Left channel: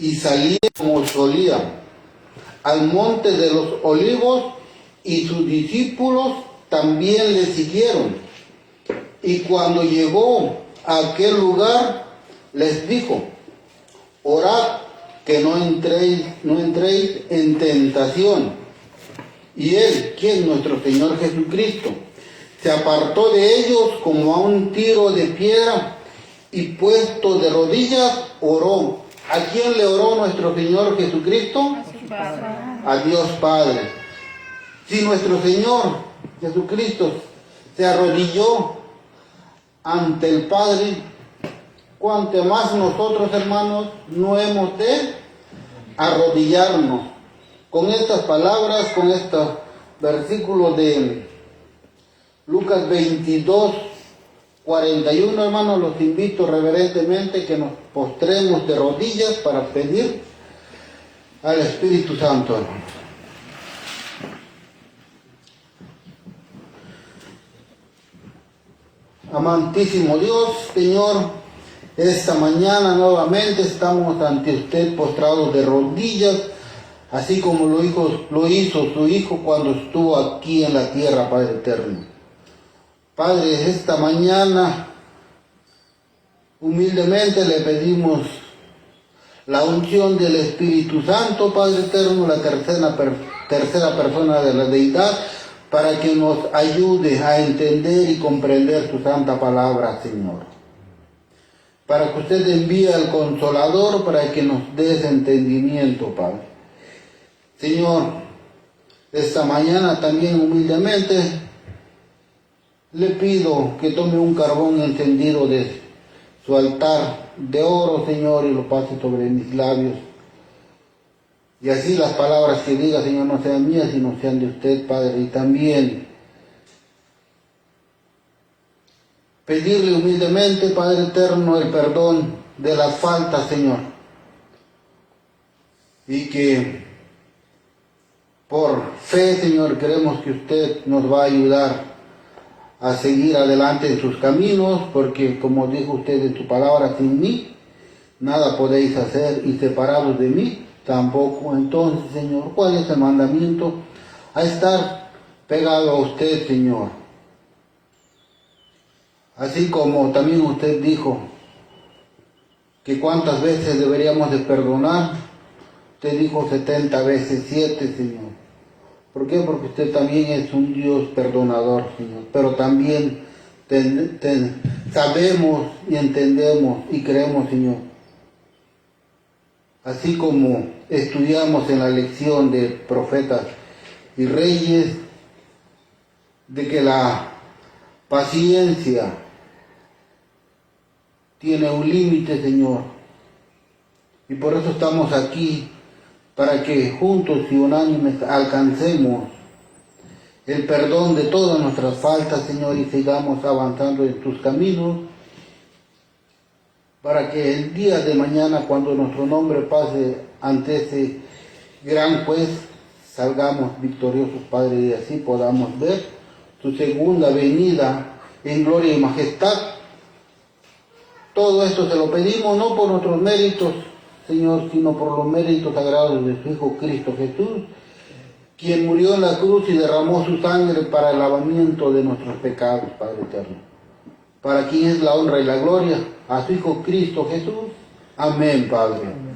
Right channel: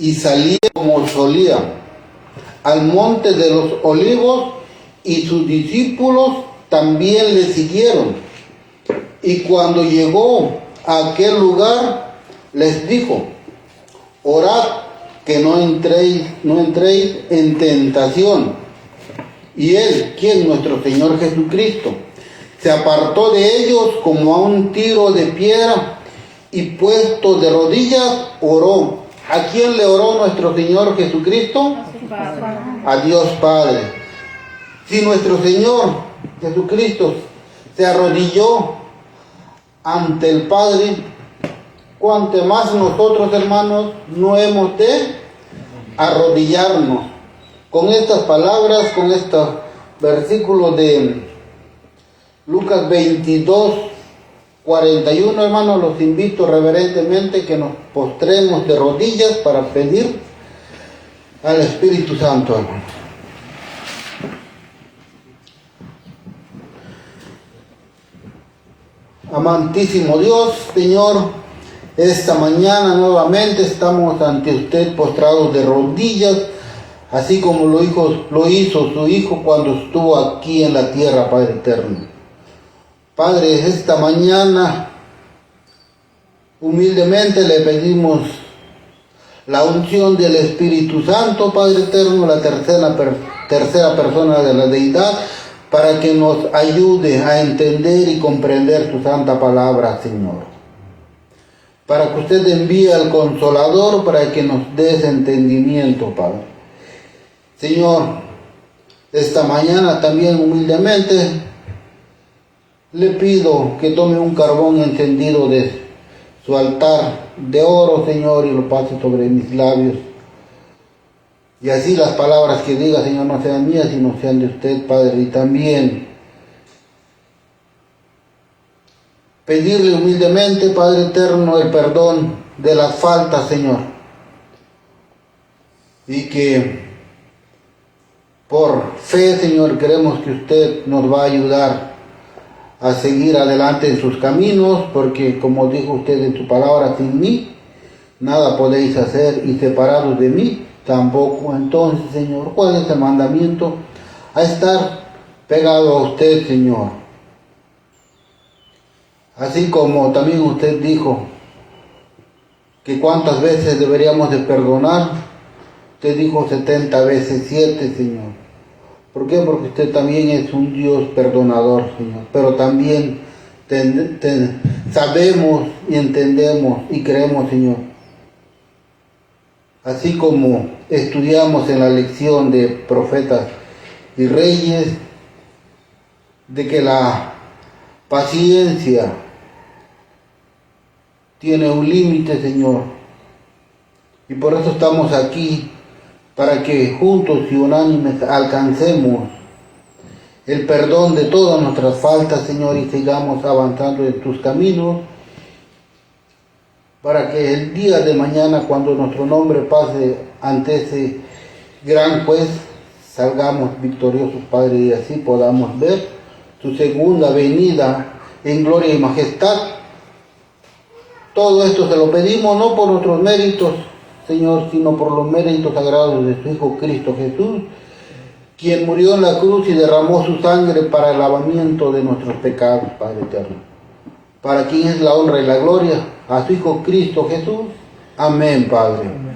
y salía como solía al monte de los olivos, y sus discípulos también le siguieron. Y cuando llegó a aquel lugar, les dijo: orad que no entréis en tentación. Y él, quien nuestro Señor Jesucristo, se apartó de ellos como a un tiro de piedra, y puesto de rodillas oró. ¿A quién le oró nuestro Señor Jesucristo? A Dios Padre. Si nuestro Señor Jesucristo se arrodilló ante el Padre, cuanto más nosotros, hermanos, no hemos de arrodillarnos. Con estas palabras, con estos versículos de Lucas 22, 41, hermanos, los invito reverentemente que nos postremos de rodillas para pedir al Espíritu Santo, hermanos. Amantísimo Dios, Señor, esta mañana nuevamente estamos ante usted postrados de rodillas, así como lo hizo su Hijo cuando estuvo aquí en la tierra, Padre eterno. Padre, esta mañana humildemente le pedimos la unción del Espíritu Santo, Padre eterno, la tercera persona de la deidad, para que nos ayude a entender y comprender tu santa palabra, Señor. Para que usted envíe al Consolador para que nos dé ese entendimiento, Padre. Señor, esta mañana también humildemente le pido que tome un carbón encendido de su altar de oro, Señor, y lo pase sobre mis labios. Y así las palabras que diga, Señor, no sean mías, sino sean de usted, Padre. Y también pedirle humildemente, Padre eterno, el perdón de las faltas, Señor. Y que por fe, Señor, queremos que usted nos va a ayudar a seguir adelante en sus caminos, porque como dijo usted en su palabra, sin mí nada podéis hacer, y separados de mí tampoco. Entonces, Señor, ¿cuál es el mandamiento? A estar pegado a usted, Señor. Así como también usted dijo que cuántas veces deberíamos de perdonar, usted dijo 70 veces 7, Señor. ¿Por qué? Porque usted también es un Dios perdonador, Señor. Pero también sabemos y entendemos y creemos, Señor. Así como estudiamos en la lección de profetas y reyes, de que la paciencia tiene un límite, Señor. Y por eso estamos aquí, para que juntos y unánimes alcancemos el perdón de todas nuestras faltas, Señor, y sigamos avanzando en tus caminos, para que el día de mañana, cuando nuestro nombre pase ante ese gran juez, salgamos victoriosos, Padre, y así podamos ver tu segunda venida en gloria y majestad. Todo esto se lo pedimos no por nuestros méritos, Señor, sino por los méritos sagrados de su Hijo Cristo Jesús, quien murió en la cruz y derramó su sangre para el lavamiento de nuestros pecados, Padre eterno. Para quien es la honra y la gloria, a su Hijo Cristo Jesús. Amén, Padre. Amén.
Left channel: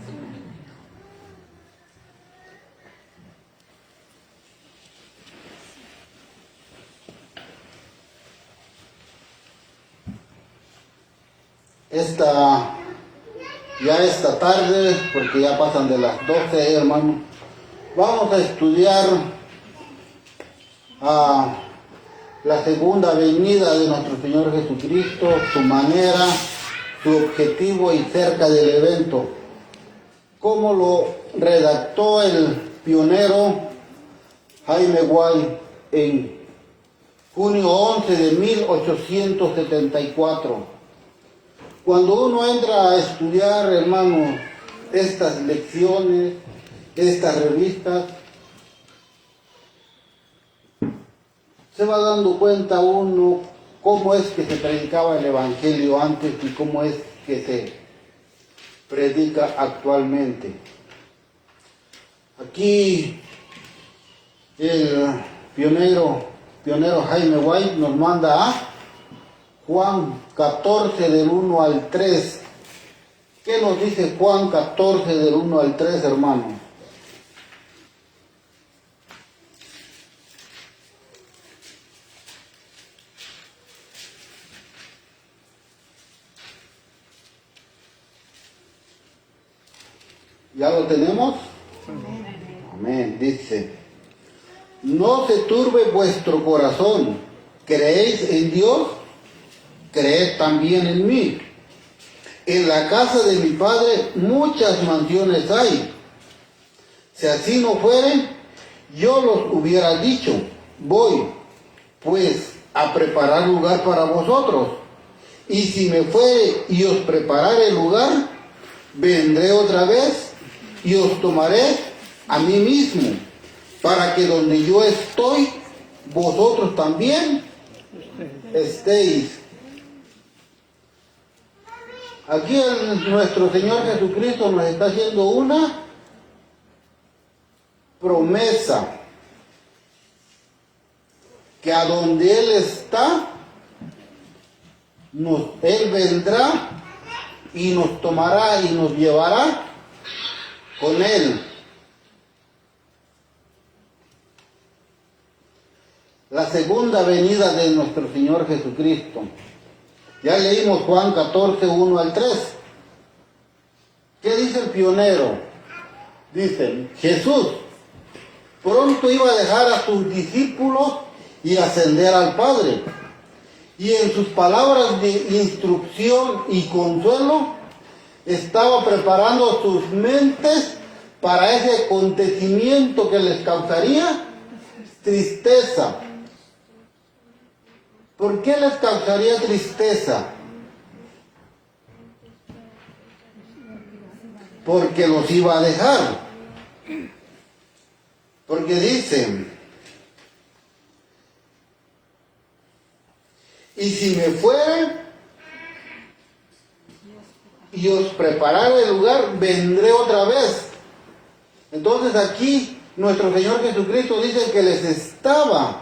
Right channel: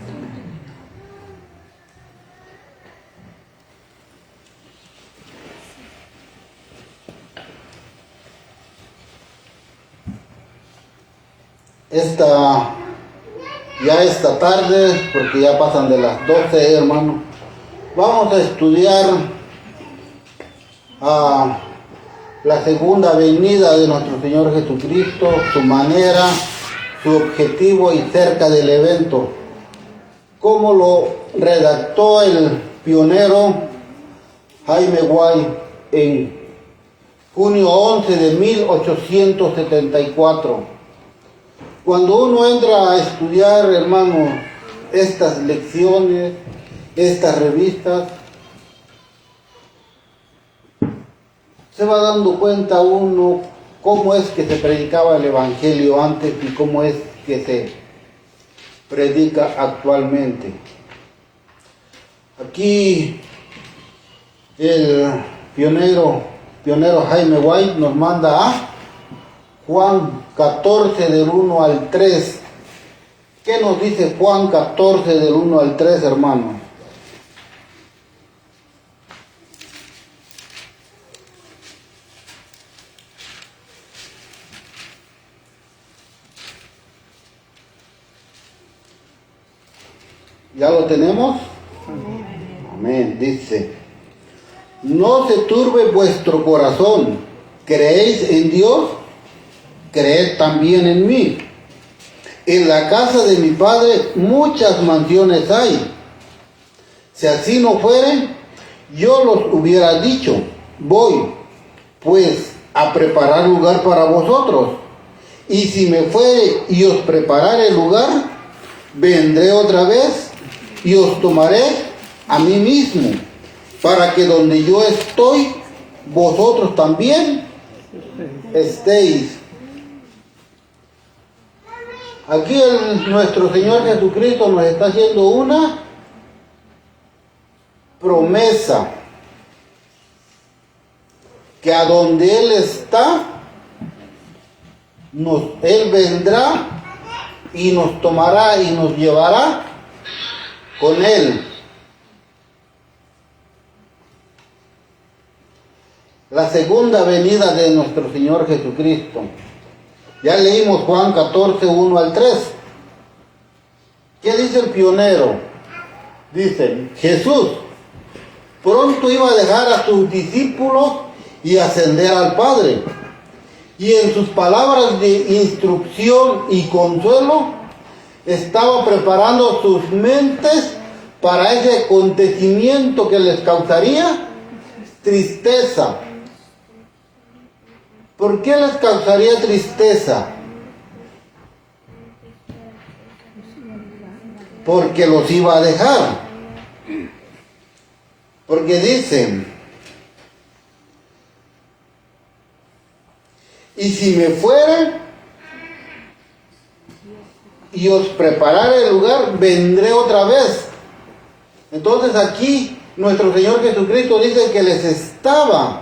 Esta tarde, porque ya pasan de las 12, hermano, vamos a estudiar la segunda venida de nuestro Señor Jesucristo, su manera, su objetivo y cerca del evento. Como lo redactó el pionero Jaime Guay en junio 11 de 1874. Cuando uno entra a estudiar, hermano, estas lecciones, estas revistas, se va dando cuenta uno cómo es que se predicaba el Evangelio antes y cómo es que se predica actualmente. Aquí el pionero Jaime White nos manda a Juan 14 del 1 al 3. ¿Qué nos dice Juan 14 del 1 al 3, hermanos? ¿Ya lo tenemos? Amén. Dice: no se turbe vuestro corazón. ¿Creéis en Dios? Creed también en mí. En la casa de mi Padre muchas mansiones hay. Si así no fueren, yo los hubiera dicho: voy, pues, a preparar lugar para vosotros. Y si me fuere y os preparare el lugar, vendré otra vez y os tomaré a mí mismo, para que donde yo estoy, vosotros también estéis. Aquí nuestro Señor Jesucristo nos está haciendo una promesa, que a donde Él está, Él vendrá y nos tomará y nos llevará con Él. La segunda venida de nuestro Señor Jesucristo. Ya leímos Juan 14, 1 al 3. ¿Qué dice el pionero? Dice: Jesús pronto iba a dejar a sus discípulos y ascender al Padre. Y en sus palabras de instrucción y consuelo, estaba preparando sus mentes para ese acontecimiento que les causaría tristeza. ¿Por qué les causaría tristeza? Porque los iba a dejar. Porque dicen: y si me fueren y os preparare el lugar, vendré otra vez. Entonces aquí nuestro Señor Jesucristo dice que le estaba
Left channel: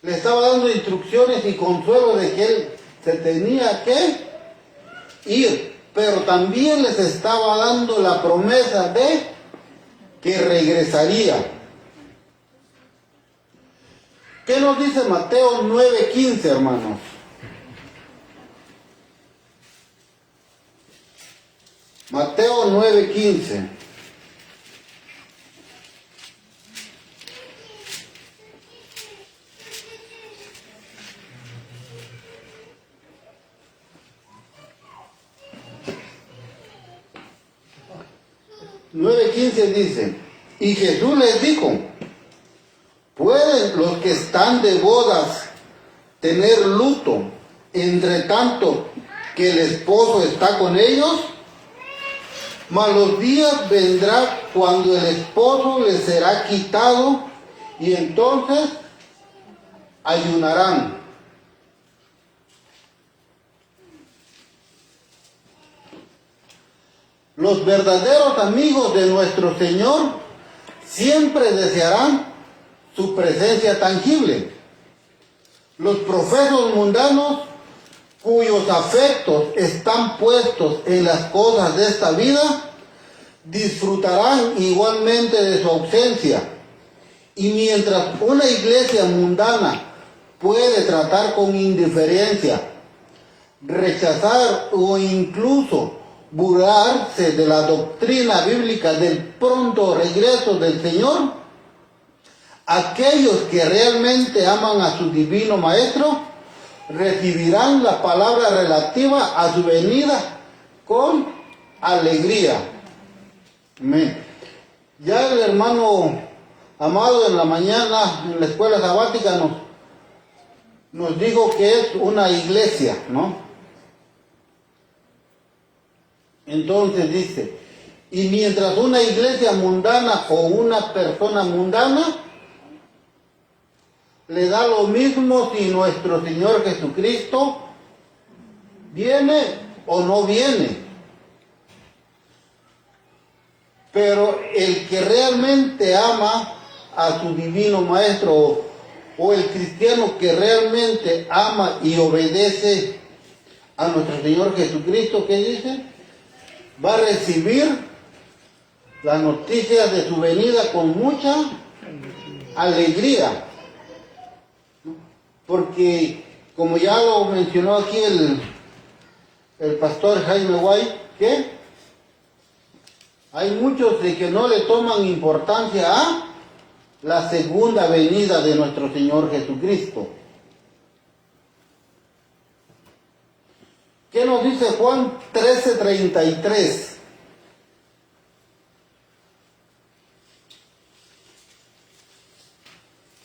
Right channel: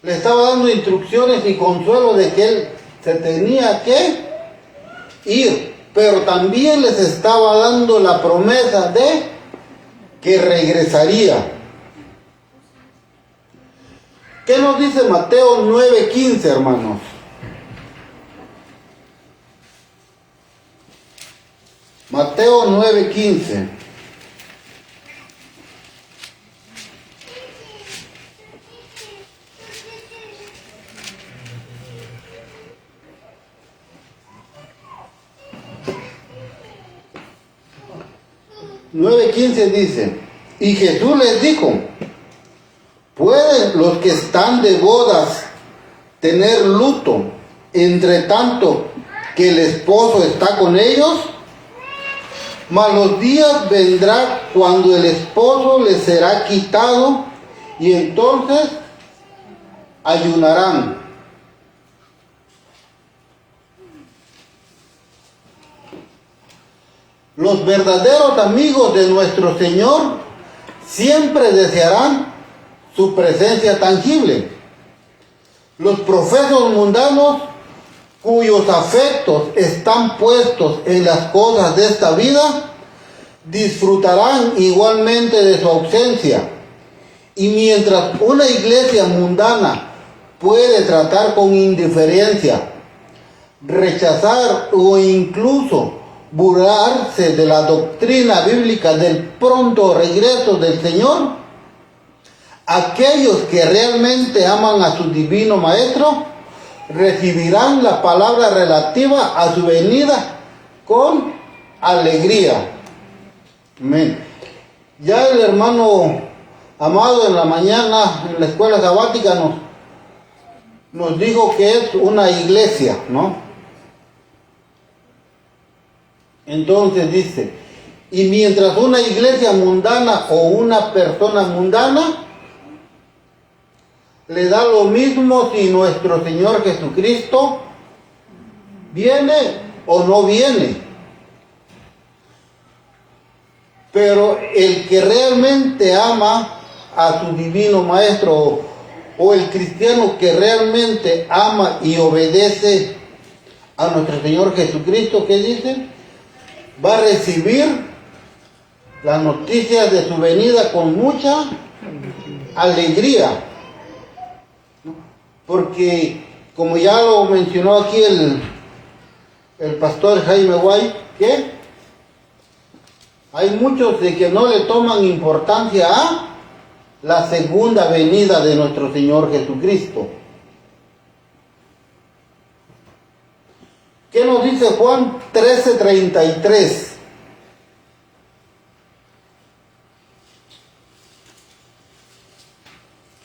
dando instrucciones y consuelo de que Él se tenía que ir, pero también les estaba dando la promesa de que regresaría. ¿Qué nos dice Mateo 9:15, hermanos? Mateo 9:15. Dice: y Jesús les dijo: ¿pueden los que están de bodas tener luto entre tanto que el esposo está con ellos? Mas los días vendrán cuando el esposo les será quitado, y entonces ayunarán. Los verdaderos amigos de nuestro Señor siempre desearán su presencia tangible. Los profesos mundanos, cuyos afectos están puestos en las cosas de esta vida, disfrutarán igualmente de su ausencia. Y mientras una iglesia mundana puede tratar con indiferencia, rechazar o incluso burlarse de la doctrina bíblica del pronto regreso del Señor, aquellos que realmente aman a su divino Maestro recibirán la palabra relativa a su venida con alegría. Amén. Ya el hermano Amado en la mañana en la escuela sabática nos dijo que es una iglesia, ¿no? Entonces dice: y mientras una iglesia mundana o una persona mundana le da lo mismo si nuestro Señor Jesucristo viene o no viene. Pero el que realmente ama a su divino maestro, o el cristiano que realmente ama y obedece a nuestro Señor Jesucristo, ¿qué dice? Va a recibir las noticias de su venida con mucha alegría. Porque, como ya lo mencionó aquí el pastor Jaime White, ¿qué? Hay muchos de que no le toman importancia a la segunda venida de nuestro Señor Jesucristo. ¿Qué nos dice Juan 13:33?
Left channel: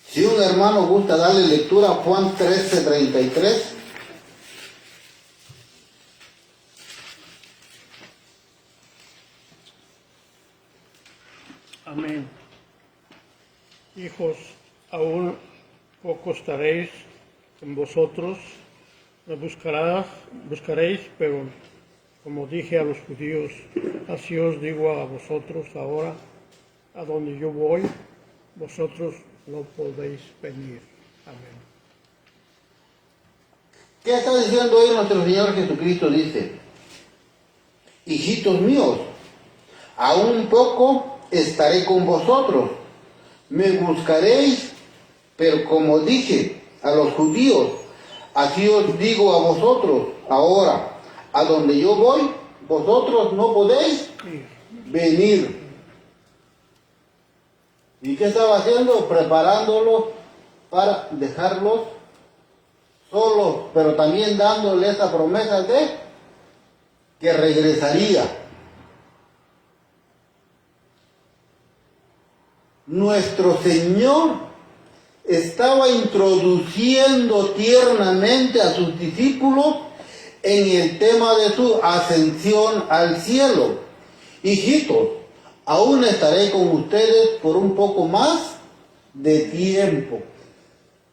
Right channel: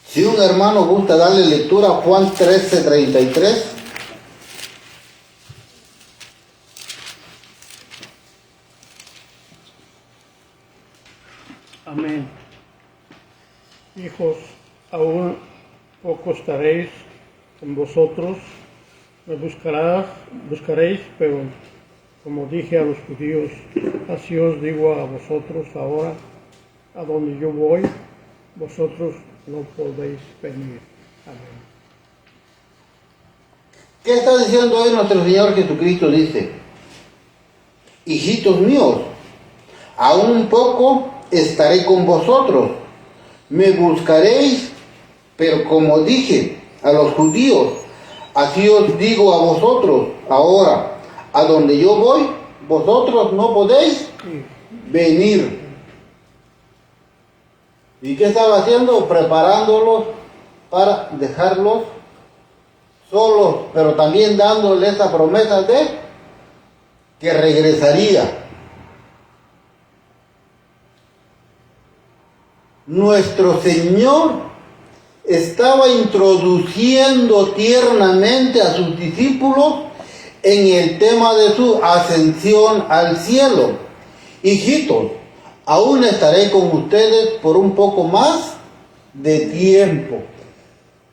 Si un hermano gusta darle lectura a Juan 13:33. Amén. Hijos, aún poco estaréis con vosotros, me buscaréis, pero como dije a los judíos, así os digo a vosotros ahora, a donde yo voy, vosotros no podéis venir. Amén. ¿Qué está diciendo hoy nuestro Señor Jesucristo? Dice, hijitos míos, aún poco estaré con vosotros, me buscaréis, pero como dije a los judíos, así os digo a vosotros ahora, a donde yo voy, vosotros no podéis venir. ¿Y qué estaba haciendo? Preparándolos para dejarlos solos, pero también dándoles esa promesa de que regresaría. Nuestro Señor estaba introduciendo tiernamente a sus discípulos en el tema de su ascensión al cielo. Hijitos, aún estaré con ustedes por un poco más de tiempo.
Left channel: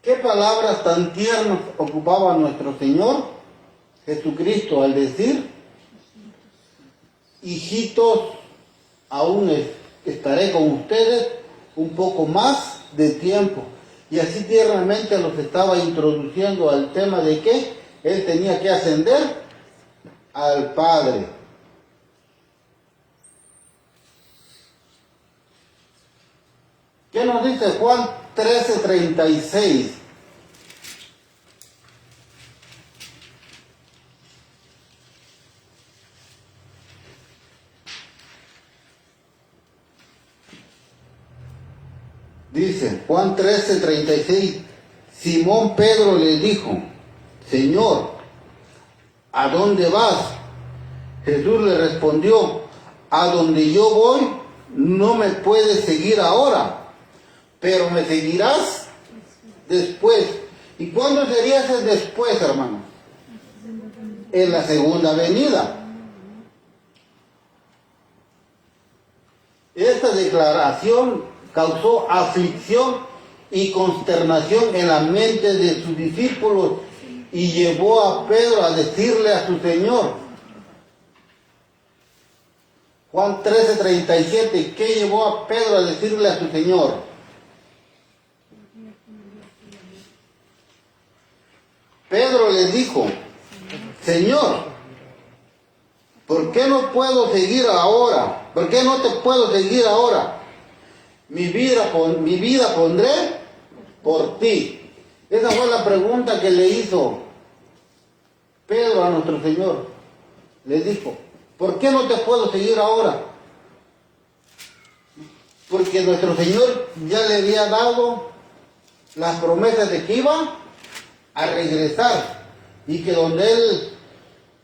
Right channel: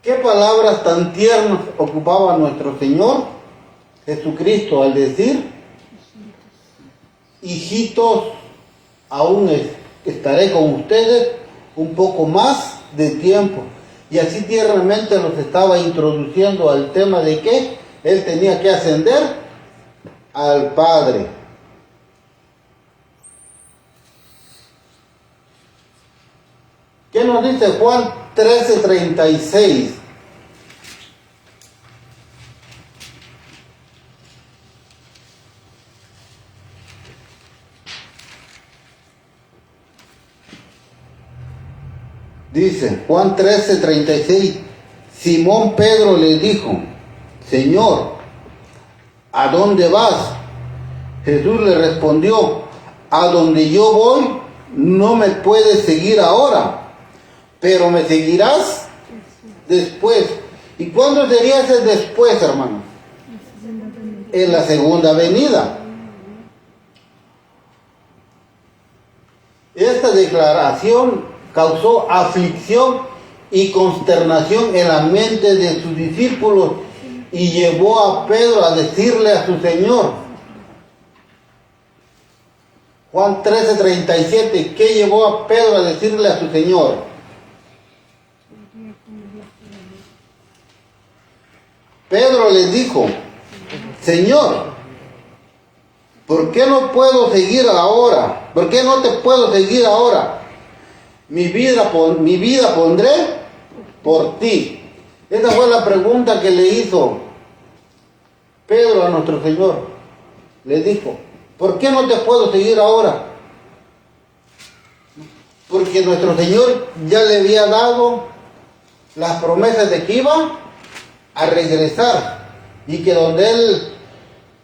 ¿Qué palabras tan tiernas ocupaba nuestro Señor Jesucristo al decir, hijitos, aún estaré con ustedes un poco más de tiempo? Y así tiernamente los estaba introduciendo al tema de que Él tenía que ascender al Padre. ¿Qué nos dice Juan 13:36? Dice Juan 13:36, Simón Pedro le dijo, Señor, ¿a dónde vas? Jesús le respondió, a donde yo voy no me puedes seguir ahora, pero me seguirás después. ¿Y cuándo sería ese después, hermano? En la segunda venida. Esta declaración causó aflicción y consternación en la mente de sus discípulos y llevó a Pedro a decirle a su Señor. Juan 13:37, ¿qué llevó a Pedro a decirle a su Señor? Pedro les dijo, Señor, ¿por qué no puedo seguir ahora? ¿Por qué no te puedo seguir ahora? Mi vida pondré por ti. Esa fue la pregunta que le hizo Pedro a nuestro Señor. Le dijo, ¿por qué no te puedo seguir ahora? Porque nuestro Señor ya le había dado las promesas de que iba a regresar y que donde Él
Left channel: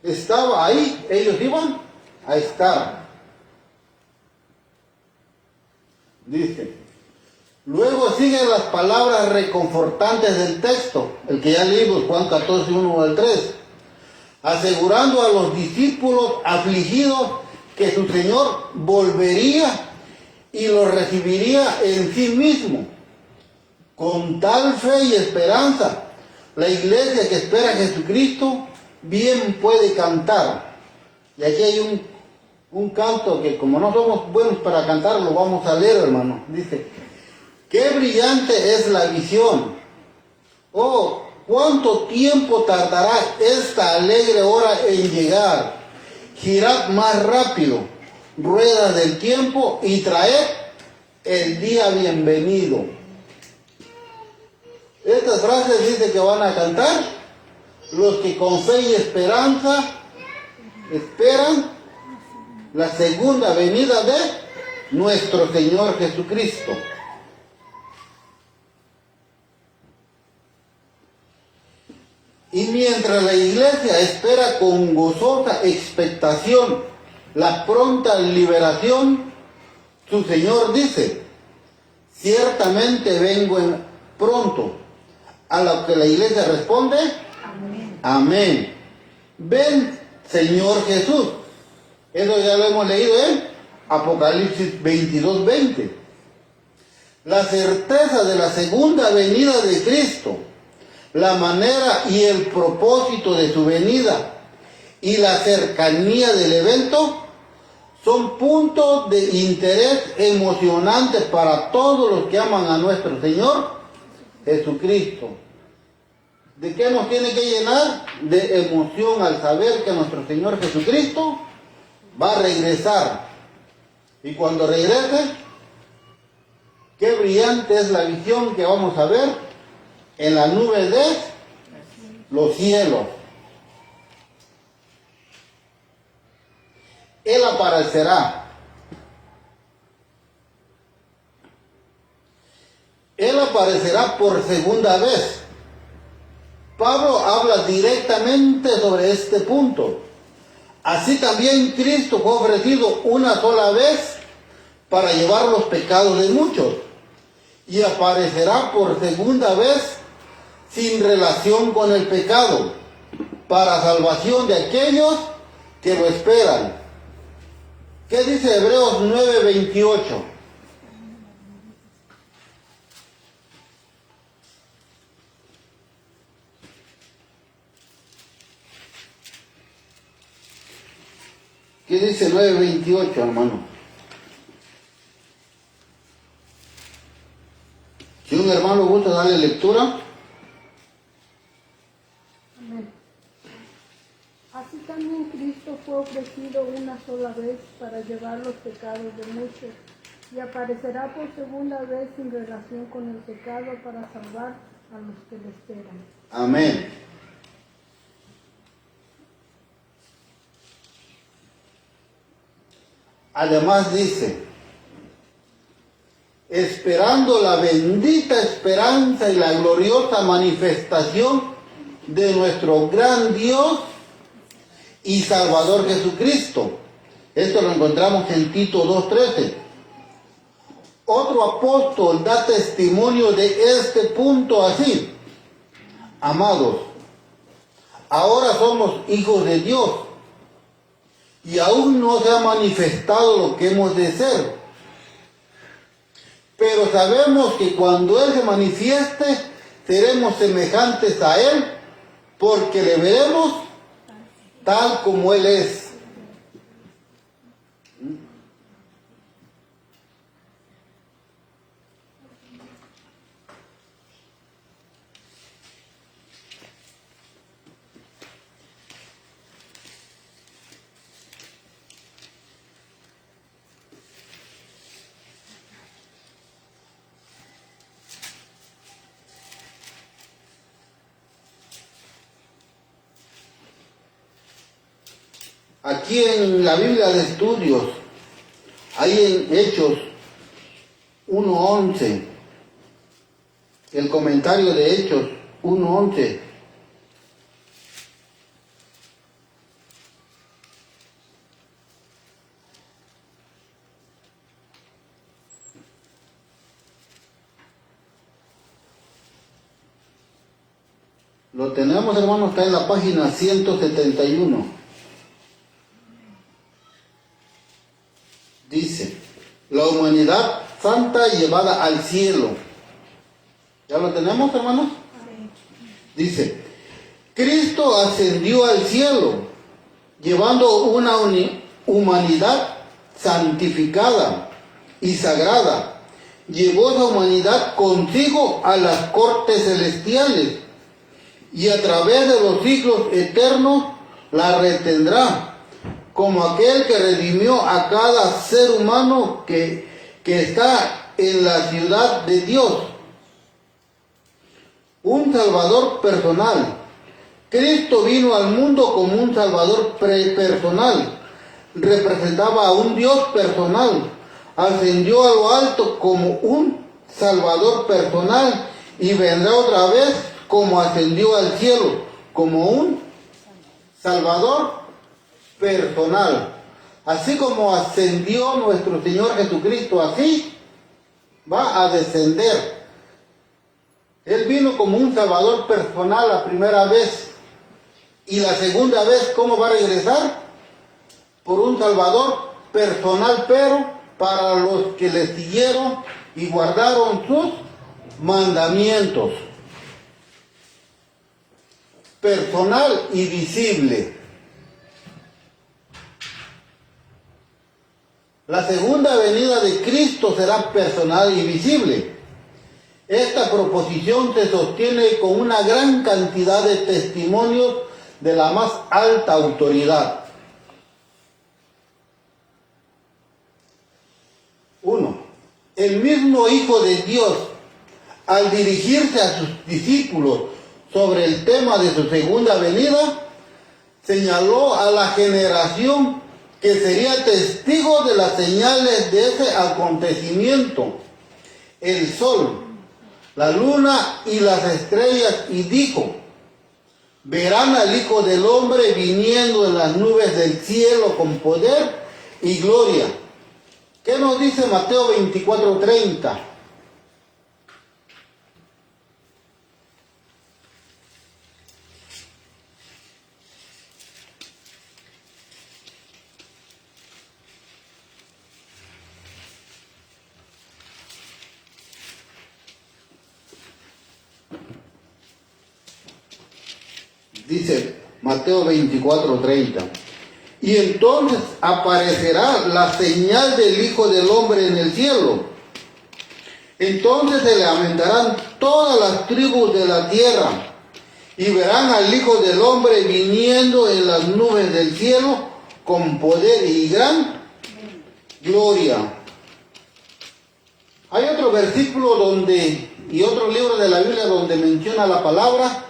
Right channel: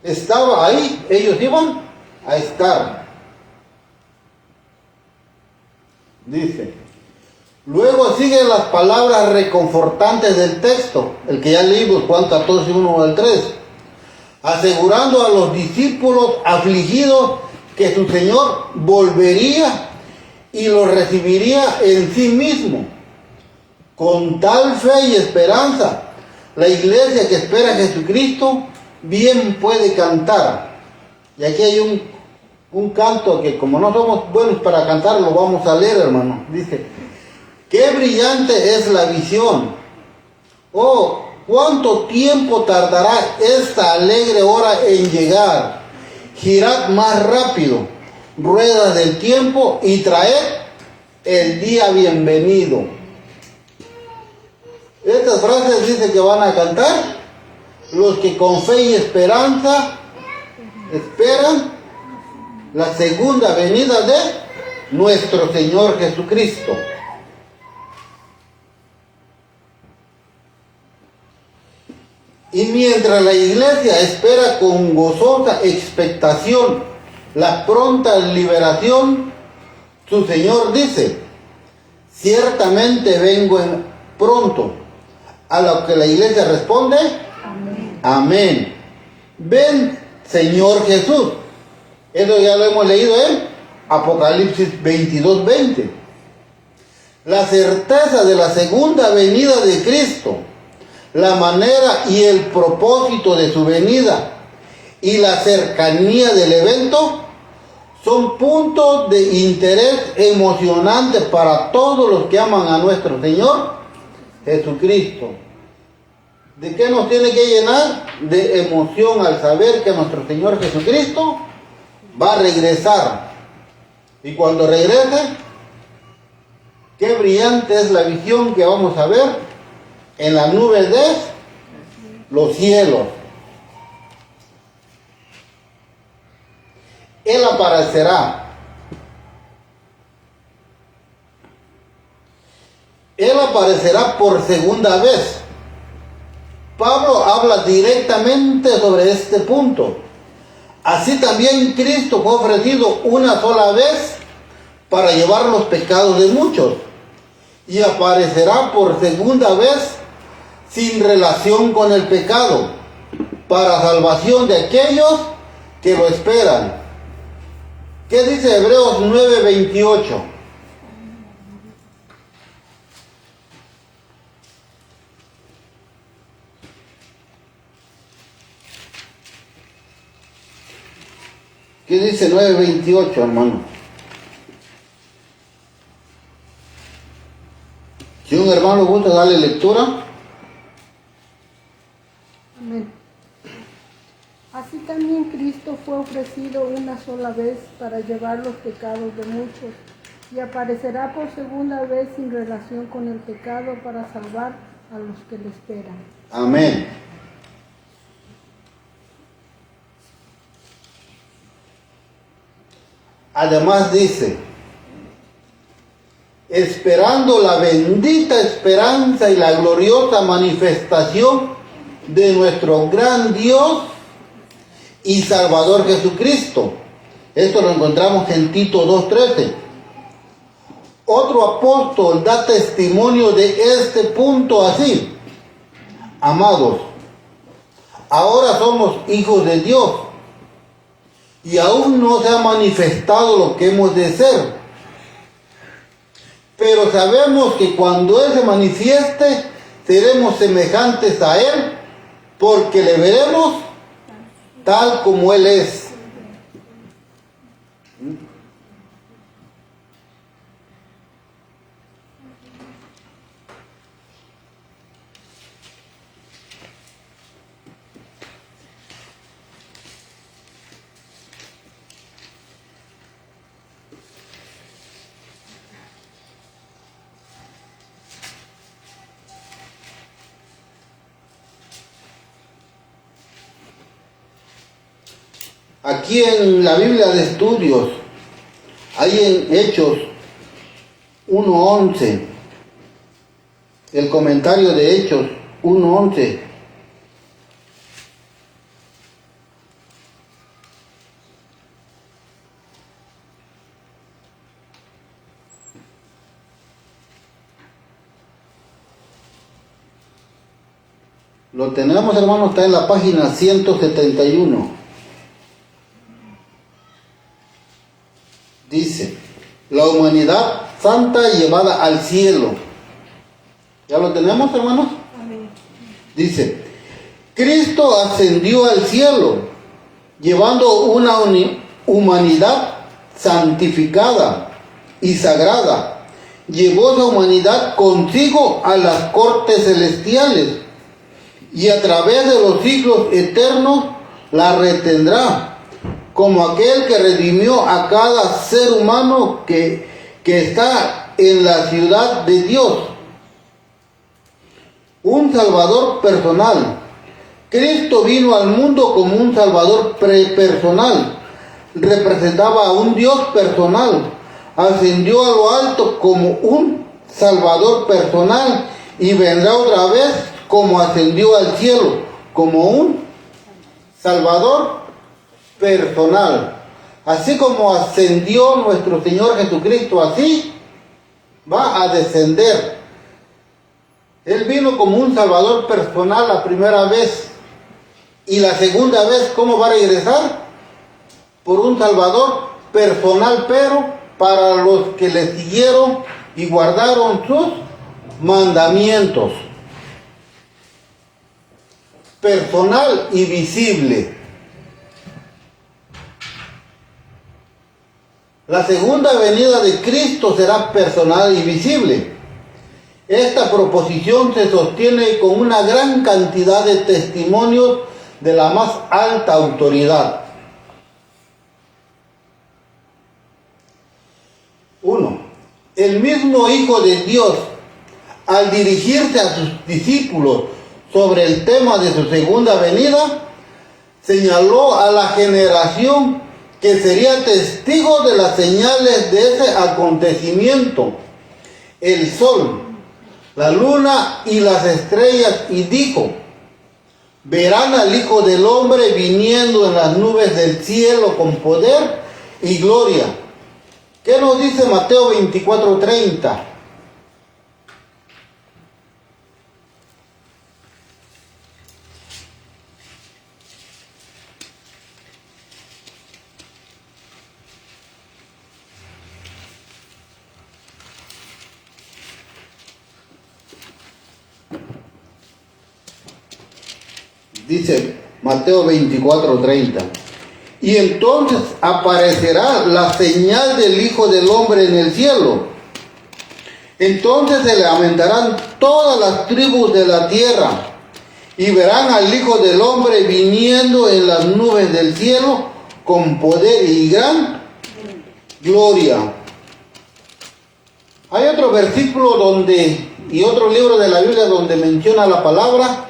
estaba ahí, ellos iban a estar. Dice, luego siguen las palabras reconfortantes del texto, el que ya leímos, Juan 14, 1 al 3, asegurando a los discípulos afligidos que su Señor volvería y los recibiría en sí mismo. Con tal fe y esperanza, la iglesia que espera a Jesucristo bien puede cantar. Y aquí hay un canto que como no somos buenos para cantar, lo vamos a leer, hermano. Dice, qué brillante es la visión. Oh, cuánto tiempo tardará esta alegre hora en llegar. Girad más rápido, ruedas del tiempo, y traed el día bienvenido. Estas frases dice que van a cantar los que con fe y esperanza esperan la segunda venida de nuestro Señor Jesucristo. Y mientras la iglesia espera con gozosa expectación la pronta liberación, su Señor dice, ciertamente vengo pronto. A lo que la iglesia responde, amén. Amén. Ven, Señor Jesús. Eso ya lo hemos leído en Apocalipsis 22:20. La certeza de la segunda venida de Cristo, la manera y el propósito de su venida y la cercanía del evento son puntos de interés emocionante para todos los que aman a nuestro Señor Jesucristo. ¿De qué nos tiene que llenar? De emoción al saber que nuestro Señor Jesucristo va a regresar. Y cuando regrese, qué brillante es la visión que vamos a ver en las nubes de los cielos. Él aparecerá. Él aparecerá por segunda vez. Pablo habla directamente sobre este punto. Así también Cristo fue ofrecido una sola vez para llevar los pecados de muchos, y aparecerá por segunda vez sin relación con el pecado, para salvación de aquellos que lo esperan. ¿Qué dice Hebreos 9:28? ¿Qué dice 9:28, hermano? Si un hermano gusta darle lectura. Amén. Así también Cristo fue ofrecido una sola vez para llevar los pecados de muchos, y aparecerá por segunda vez sin relación con el pecado para salvar a los que le esperan. Amén. Además dice, esperando la bendita esperanza y la gloriosa manifestación de nuestro gran Dios y Salvador Jesucristo. Esto lo encontramos en Tito 2:13. Otro apóstol da testimonio de este punto así: amados, ahora somos hijos de Dios, y aún no se ha manifestado lo que hemos de ser. Pero sabemos que cuando Él se manifieste, seremos semejantes a Él, porque le veremos tal como Él es. Aquí en la Biblia de Estudios, hay en Hechos 1:11, el comentario de Hechos 1:11. Lo tenemos, hermano, está en la página 171. Dice, la humanidad santa llevada al cielo. ¿Ya lo tenemos, hermanos? Amén. Dice, Cristo ascendió al cielo, llevando una humanidad santificada y sagrada, llevó esa humanidad consigo a las cortes celestiales y a través de los siglos eternos la retendrá, como aquel que redimió a cada ser humano que está en la ciudad de Dios. Un Salvador personal. Cristo vino al mundo como un Salvador personal. Representaba a un Dios personal. Ascendió a lo alto como un Salvador personal y vendrá otra vez como ascendió al cielo, como un Salvador personal. Así como ascendió nuestro Señor Jesucristo, así va a descender. Él vino como un Salvador personal la primera vez. Y la segunda vez, ¿cómo va a regresar? Por un Salvador personal, pero para los que le siguieron y guardaron sus mandamientos. Personal y visible. La segunda venida de Cristo será personal y visible. Esta proposición se sostiene con una gran cantidad de testimonios de la más alta autoridad. 1. El mismo Hijo de Dios, al dirigirse a sus discípulos sobre el tema de su segunda venida, señaló a la generación que sería testigo de las señales de ese acontecimiento, el sol, la luna y las estrellas, y dijo: verán al Hijo del Hombre viniendo en las nubes del cielo con poder y gloria. ¿Qué nos dice Mateo 24:30? Dice Mateo 24:30. Y entonces aparecerá la señal del Hijo del Hombre en el cielo. Entonces se lamentarán todas las tribus de la tierra y verán al Hijo del Hombre viniendo en las nubes del cielo con poder y gran gloria. Hay otro versículo y otro libro de la Biblia donde menciona la palabra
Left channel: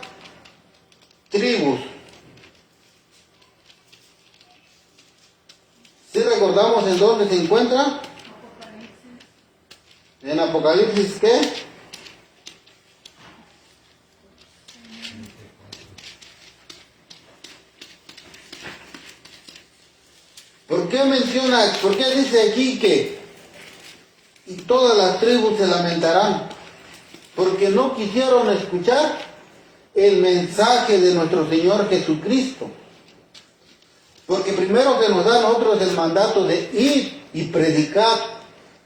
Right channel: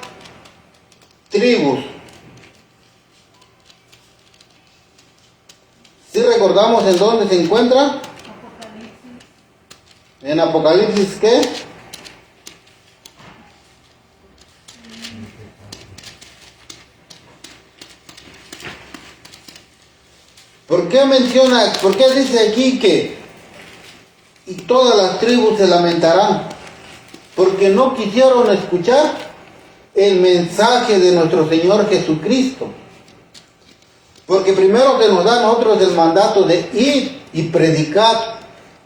tribus. ¿Sí recordamos en dónde se encuentra? En Apocalipsis, ¿qué? ¿Por qué dice aquí que y todas las tribus se lamentarán? Porque no quisieron escuchar el mensaje de nuestro Señor Jesucristo. Porque primero que nos da a nosotros el mandato de ir y predicar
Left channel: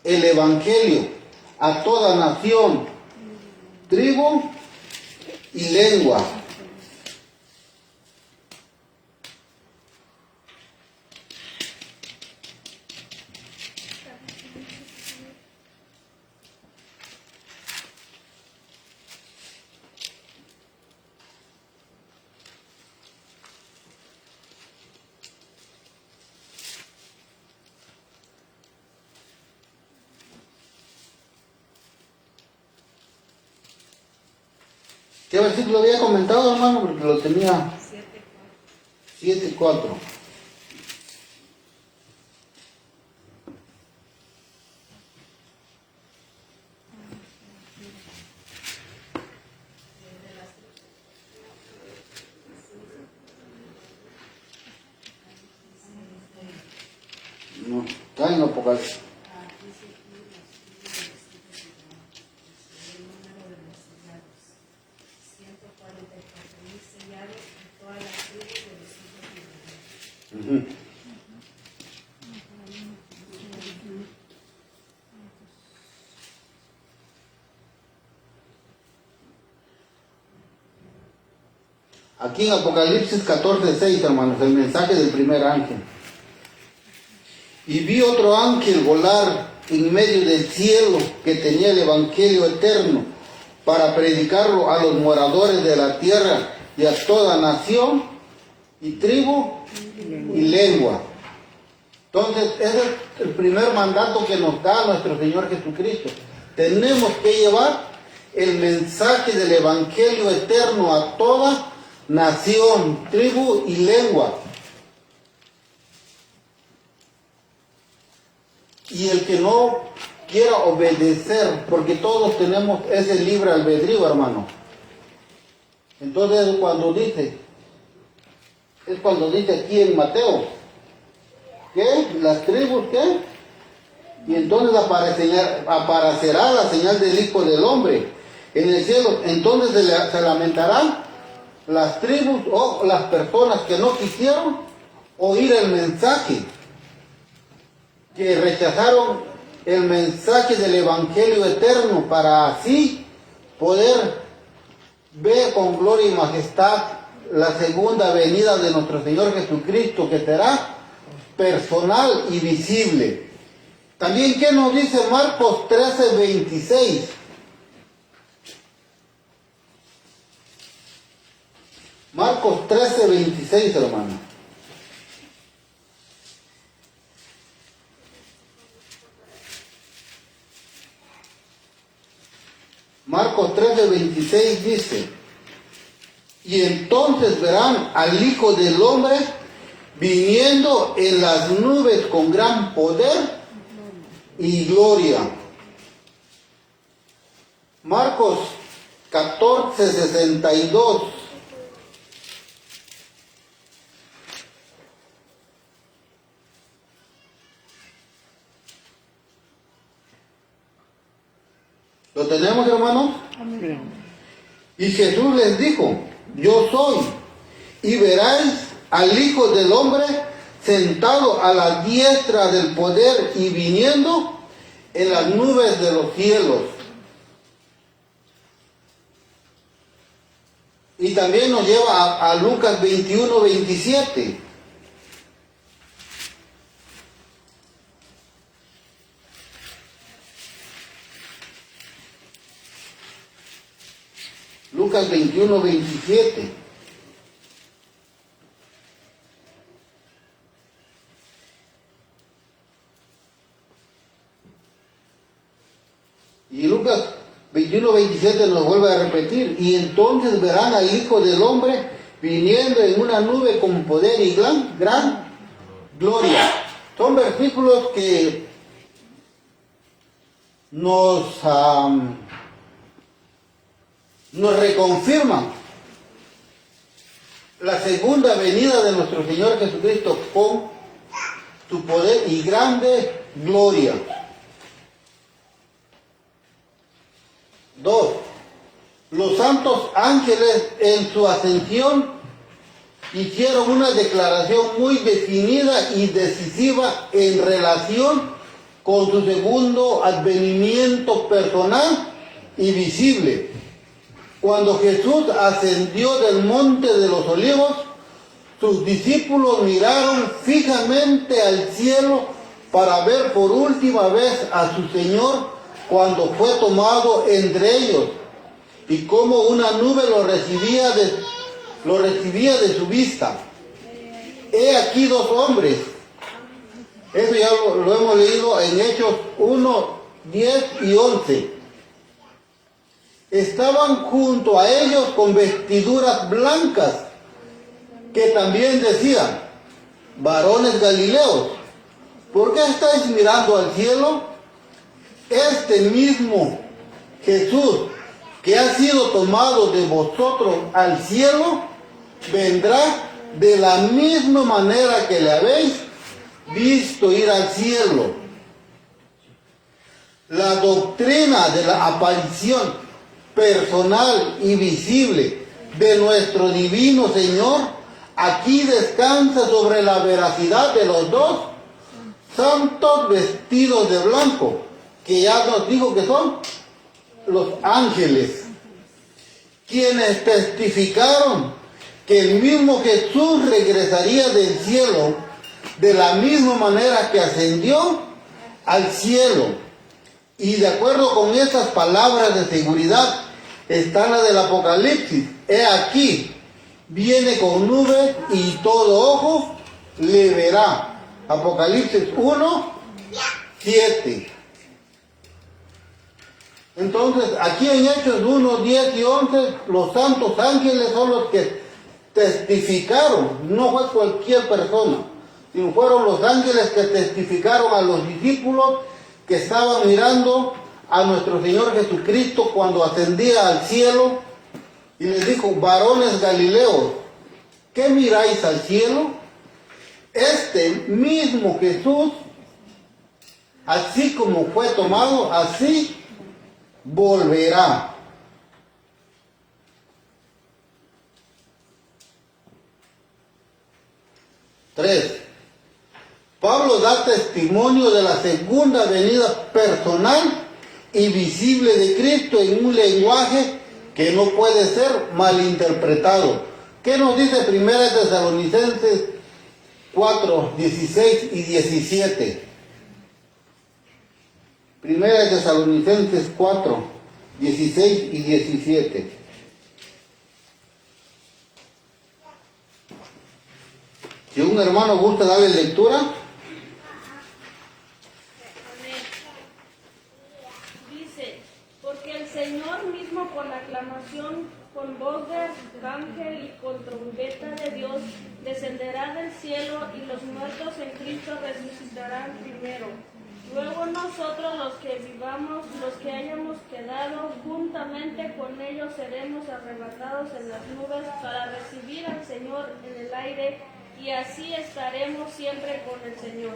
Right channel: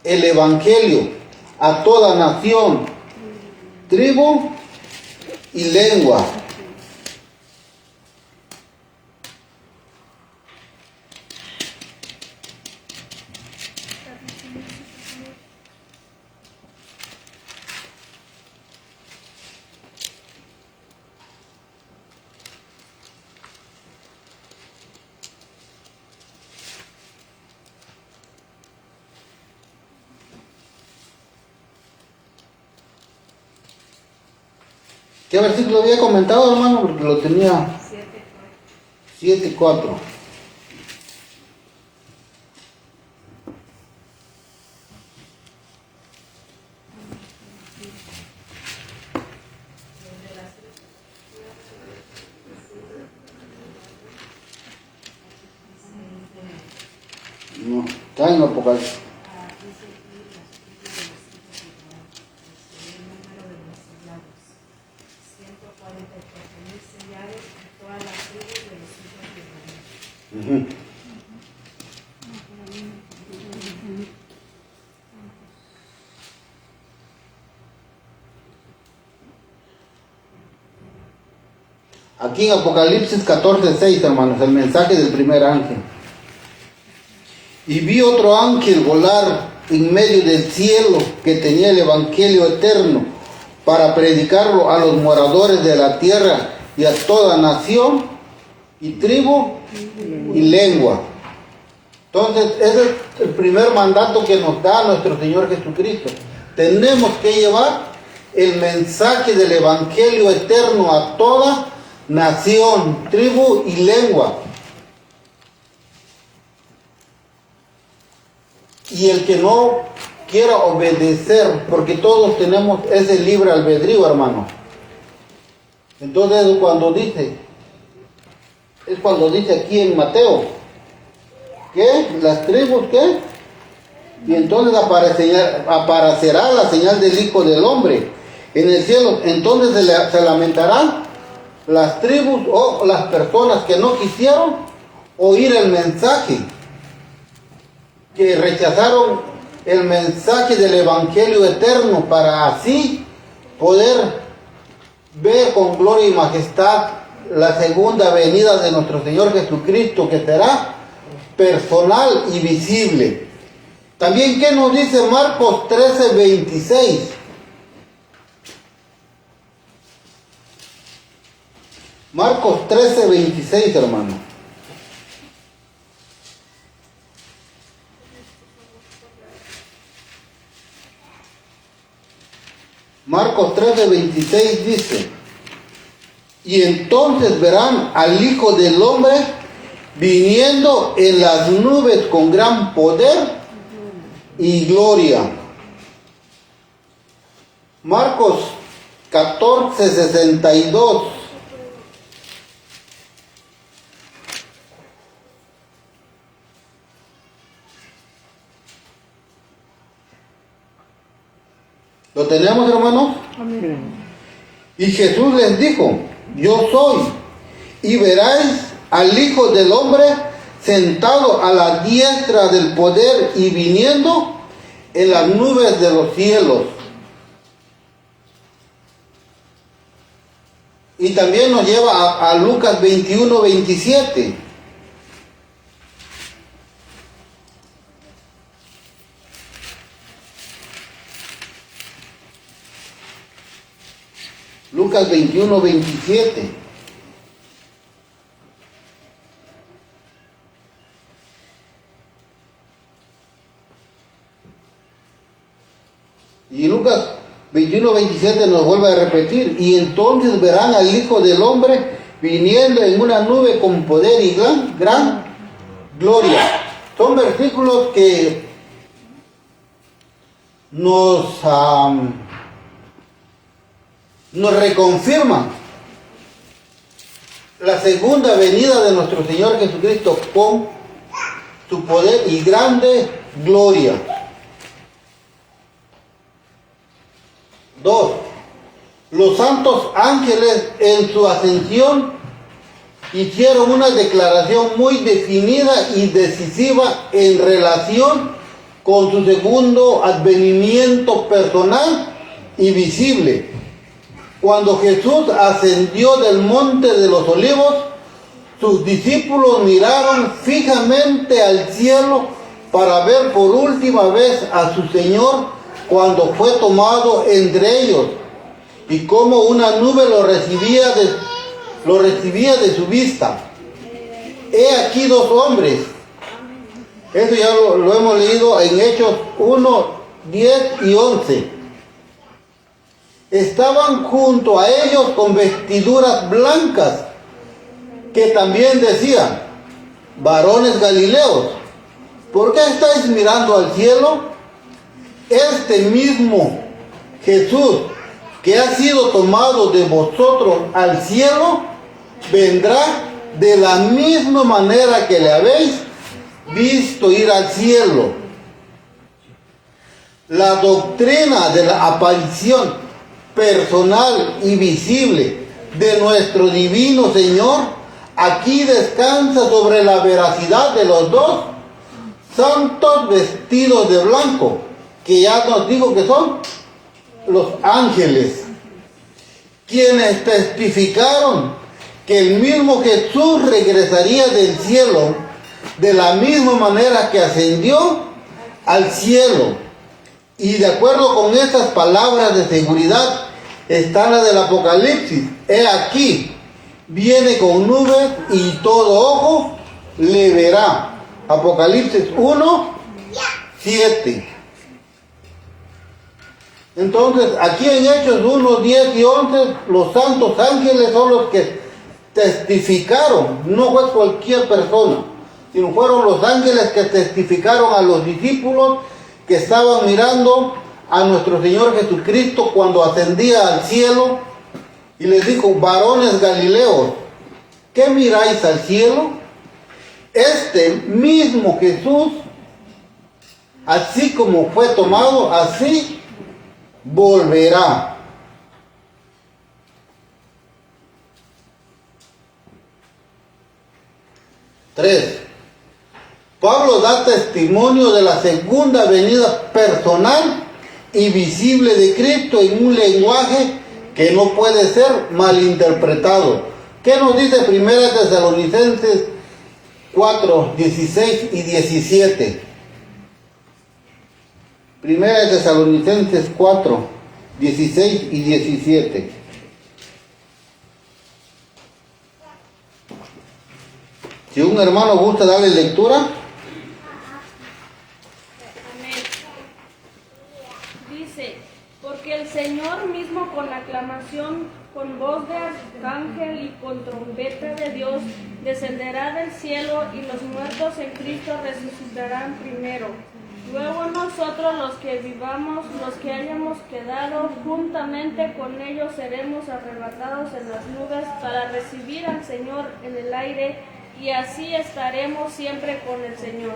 el Evangelio a toda nación, tribu y lengua. ¿Qué versículo había comentado, hermano? Porque lo tenía 7:4. No, está en Apocalipsis. Aquí en Apocalipsis 14:6, hermanos, el mensaje del primer ángel. Y vi otro ángel volar en medio del cielo que tenía el Evangelio eterno para predicarlo a los moradores de la tierra y a toda nación y tribu y lengua. Entonces, ese es el primer mandato que nos da nuestro Señor Jesucristo. Tenemos que llevar el mensaje del Evangelio eterno a toda nación, tribu y lengua. Y el que no quiera obedecer, porque todos tenemos ese libre albedrío, hermano. Entonces es cuando dice aquí en Mateo, ¿qué? Las tribus, ¿qué? Y entonces aparecerá la señal del Hijo del Hombre en el cielo. Entonces se lamentarán las tribus o las personas que no quisieron oír el mensaje, que rechazaron el mensaje del Evangelio eterno para así poder ver con gloria y majestad la segunda venida de nuestro Señor Jesucristo, que será personal y visible. También, ¿qué nos dice Marcos 13:26? Marcos 13:26, hermano. Marcos 13:26 dice: y entonces verán al Hijo del Hombre viniendo en las nubes con gran poder y gloria. Marcos 14:62. ¿Lo tenemos, hermanos? Amén. Y Jesús les dijo: yo soy, y veréis al Hijo del Hombre sentado a la diestra del poder y viniendo en las nubes de los cielos. Y también nos lleva a Lucas 21:27. Lucas 21:27. Y Lucas 21:27 nos vuelve a repetir: y entonces verán al Hijo del Hombre viniendo en una nube con poder y gran gloria. Son versículos que nos reconfirman la segunda venida de nuestro Señor Jesucristo con su poder y grande gloria. 2. Los santos ángeles en su ascensión hicieron una declaración muy definida y decisiva en relación con su segundo advenimiento personal y visible. Cuando Jesús ascendió del monte de los olivos, sus discípulos miraron fijamente al cielo para ver por última vez a su Señor cuando fue tomado entre ellos, y como una nube lo recibía de su vista. He aquí dos hombres. Eso ya lo hemos leído en Hechos 1, 10 y 11. Estaban junto a ellos con vestiduras blancas, que también decían: varones galileos, ¿por qué estáis mirando al cielo? Este mismo Jesús, que ha sido tomado de vosotros al cielo, vendrá de la misma manera que le habéis visto ir al cielo. La doctrina de la aparición personal y visible de nuestro divino Señor aquí descansa sobre la veracidad de los dos santos vestidos de blanco, que ya nos digo que son los ángeles, quienes testificaron que el mismo Jesús regresaría del cielo de la misma manera que ascendió al cielo. Y de acuerdo con estas palabras de seguridad está la del Apocalipsis. He aquí, viene con nubes y todo ojo le verá. Apocalipsis 1, 7. Entonces, aquí en Hechos 1, 10 y 11, los santos ángeles son los que testificaron. No fue cualquier persona, sino fueron los ángeles que testificaron a los discípulos que estaban mirando a nuestro Señor Jesucristo cuando ascendía al cielo, y les dijo: varones galileos, ¿qué miráis al cielo? Este mismo Jesús, así como fue tomado, así volverá. Tres. Pablo da testimonio de la segunda venida personal y visible de Cristo en un lenguaje que no puede ser malinterpretado. ¿Qué nos dice 1 Tesalonicenses 4, 16 y 17? 1 Tesalonicenses 4, 16 y 17. Si un hermano gusta darle lectura. Amén. Dice: porque el Señor mismo con aclamación, con voz de arcángel y con trompeta de Dios, descenderá del cielo, y los muertos en Cristo resucitarán primero. Luego nosotros, los que vivamos, los que hayamos quedado, juntamente con ellos seremos arrebatados en las nubes para recibir al Señor en el aire, y así estaremos siempre con el Señor.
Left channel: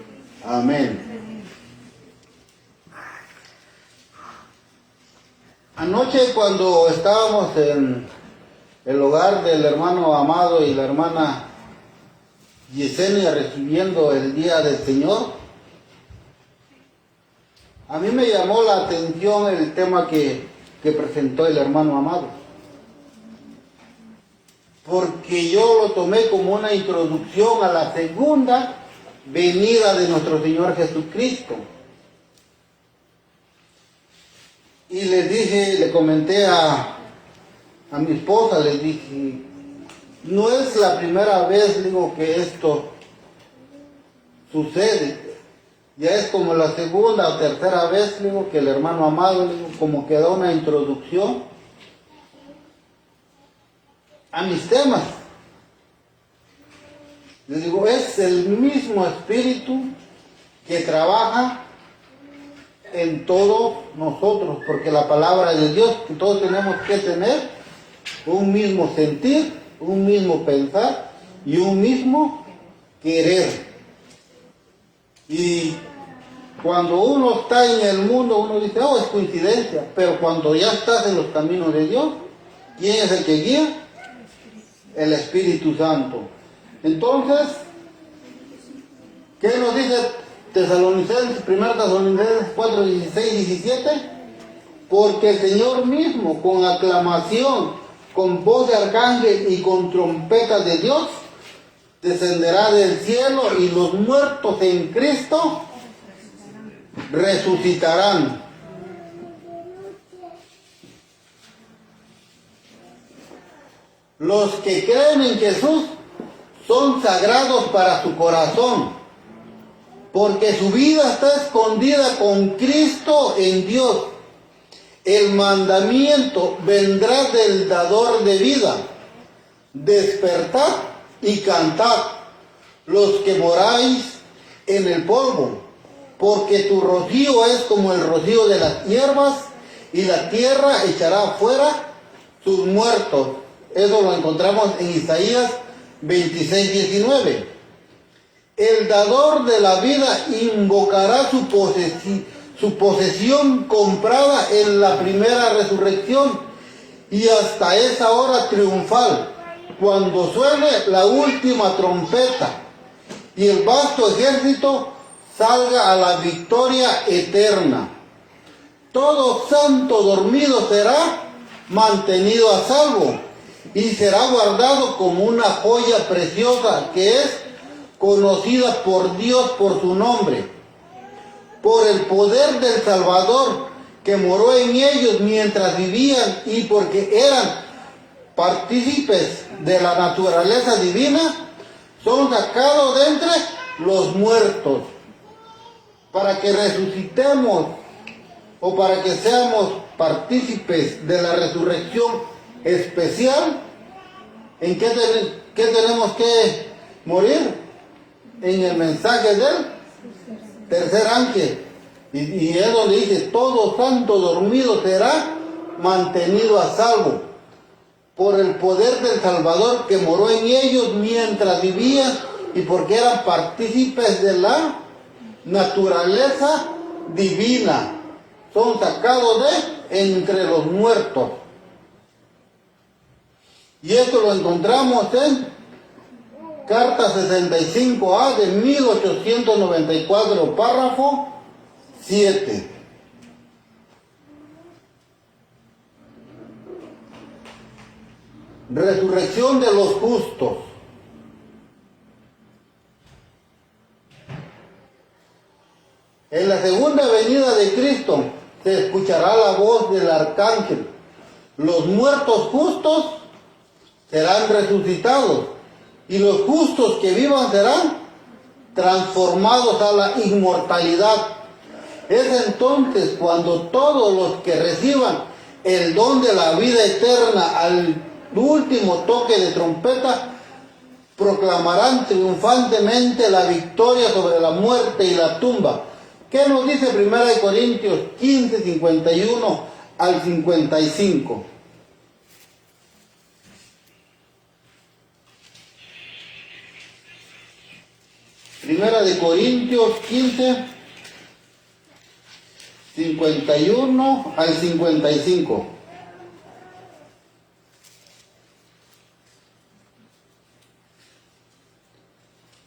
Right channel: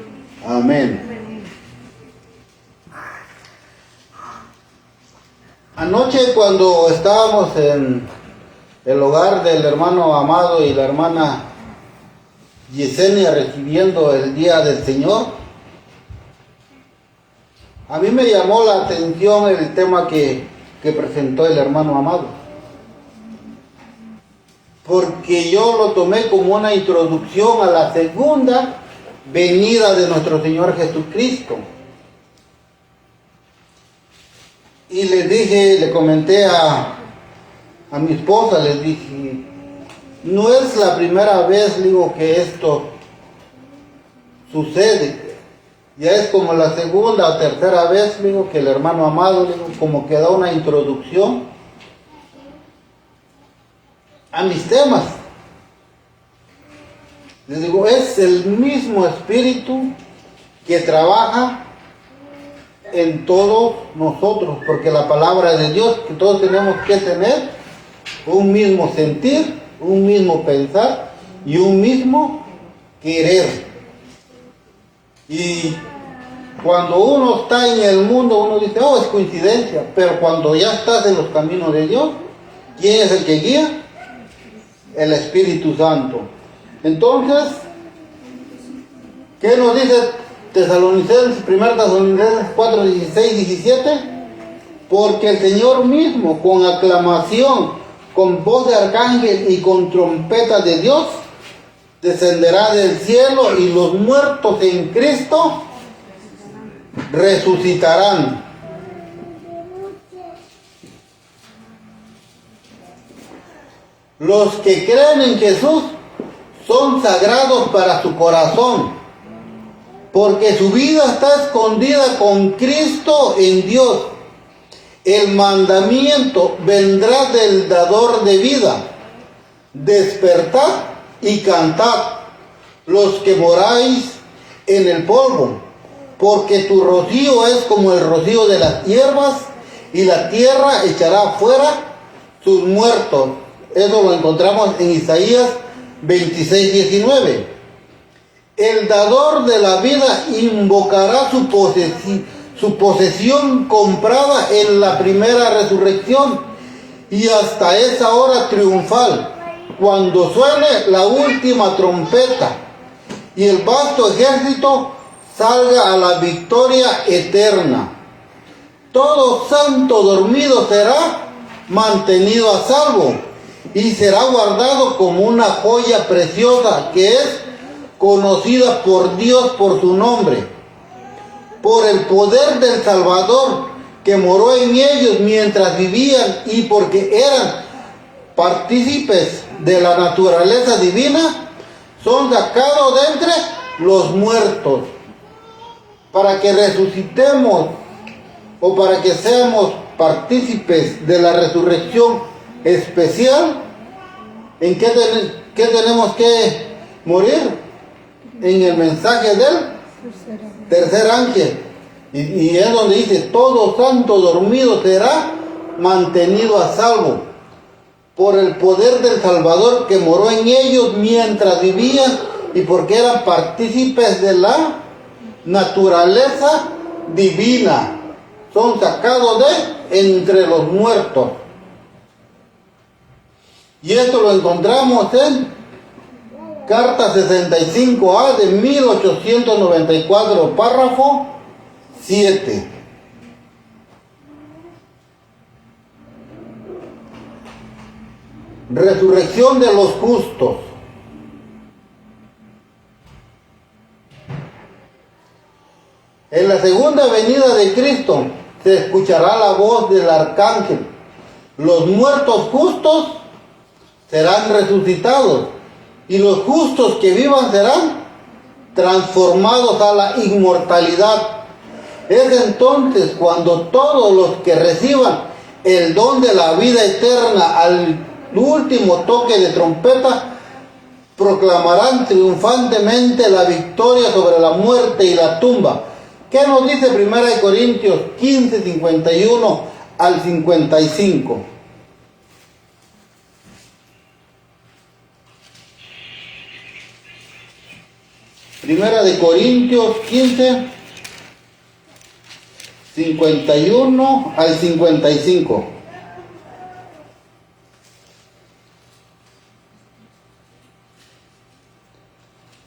Amén. Anoche, cuando estábamos en el hogar del hermano Amado y la hermana Yesenia recibiendo el día del Señor, a mí me llamó la atención el tema que presentó el hermano Amado, porque yo lo tomé como una introducción a la segunda venida de nuestro Señor Jesucristo. Y les dije, le comenté a mi esposa, les dije: no es la primera vez, digo, que esto sucede. Ya es como la segunda o tercera vez, digo, que el hermano Amado, digo, como que da una introducción a mis temas. Les digo, es el mismo espíritu que trabaja en todos nosotros, porque la palabra de Dios, que todos tenemos que tener un mismo sentir, un mismo pensar y un mismo querer. Y cuando uno está en el mundo, uno dice: oh, es coincidencia. Pero cuando ya estás en los caminos de Dios, ¿quién es el que guía? El Espíritu Santo. Entonces, ¿qué nos dice Tesalonicenses, 1 Tesalonicenses 4, 16 y 17? Porque el Señor mismo, con aclamación, con voz de arcángel y con trompeta de Dios, descenderá del cielo, y los muertos en Cristo resucitarán. Los que creen en Jesús son sagrados para su corazón, porque su vida está escondida con Cristo en Dios. El mandamiento vendrá del dador de vida: despertad y cantad, los que moráis en el polvo, porque tu rocío es como el rocío de las hierbas, y la tierra echará fuera sus muertos. Eso lo encontramos en Isaías 26, 19. El dador de la vida invocará su posesión comprada en la primera resurrección, y hasta esa hora triunfal, cuando suene la última trompeta y el vasto ejército salga a la victoria eterna. Todo santo dormido será mantenido a salvo y será guardado como una joya preciosa, que es conocida por Dios por su nombre, por el poder del Salvador que moró en ellos mientras vivían y porque eran partícipes de la naturaleza divina, son sacados de entre los muertos, para que resucitemos o para que seamos partícipes de la resurrección especial. ¿En qué tenemos que morir? En el mensaje del tercer ángel. Y es donde dice, todo santo dormido será mantenido a salvo por el poder del Salvador que moró en ellos mientras vivían y porque eran partícipes de la naturaleza divina. Son sacados de entre los muertos. Y esto lo encontramos en Carta 65A de 1894, párrafo 7. Resurrección de los justos. En la segunda venida de Cristo se escuchará la voz del arcángel. Los muertos justos serán resucitados y los justos que vivan serán transformados a la inmortalidad. Es entonces cuando todos los que reciban el don de la vida eterna al último toque de trompeta proclamarán triunfantemente la victoria sobre la muerte y la tumba. ¿Qué nos dice 1 Corintios 15, 51 al 55? Primera de Corintios 15, 51 al 55.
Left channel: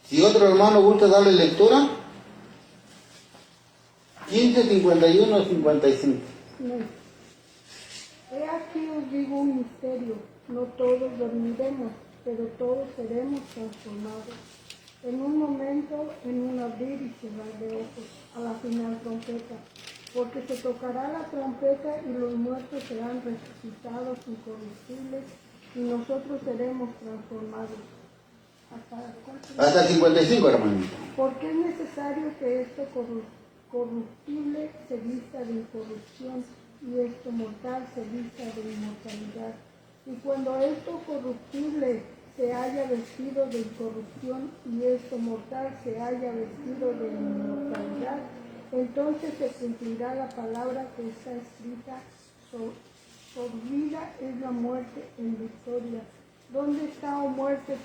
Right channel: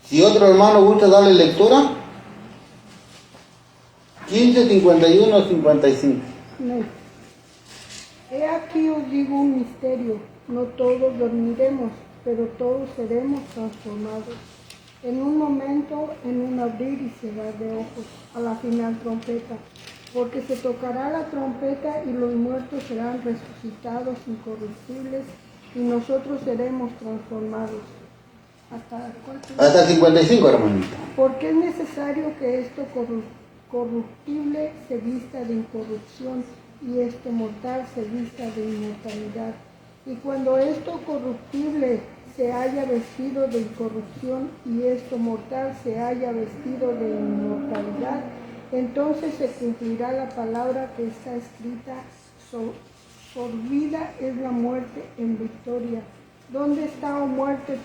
Si otro hermano gusta darle lectura, 15, 51 al 55. Amén. He aquí os digo un misterio, no todos dormiremos, pero todos seremos transformados. En un momento, en un abrir y cerrar de ojos, a la final trompeta, porque se tocará la trompeta y los muertos serán resucitados incorruptibles y nosotros seremos transformados. Hasta 55, hermanito. Porque es necesario que esto corruptible se vista de incorrupción y esto mortal se vista de inmortalidad. Y cuando esto corruptible se haya vestido de incorrupción y esto mortal se haya vestido de inmortalidad, entonces se cumplirá la palabra que está escrita: sorbida es la muerte en victoria. ¿Dónde está, oh muerte,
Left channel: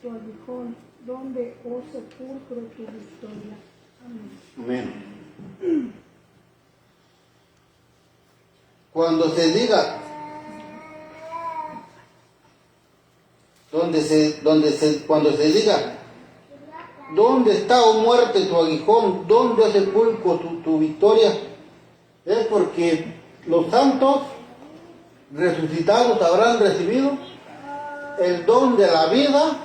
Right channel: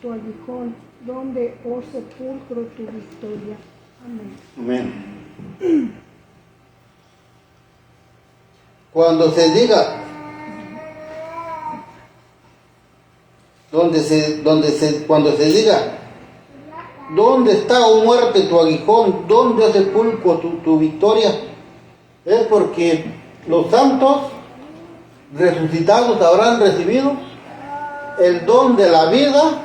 tu aguijón? ¿Dónde, oh sepulcro, tu victoria? Amén. Amén. Cuando se diga, cuando se diga, ¿dónde está, oh muerte, tu aguijón? ¿Dónde, oh sepulcro, tu victoria? Es porque los santos resucitados habrán recibido el don de la vida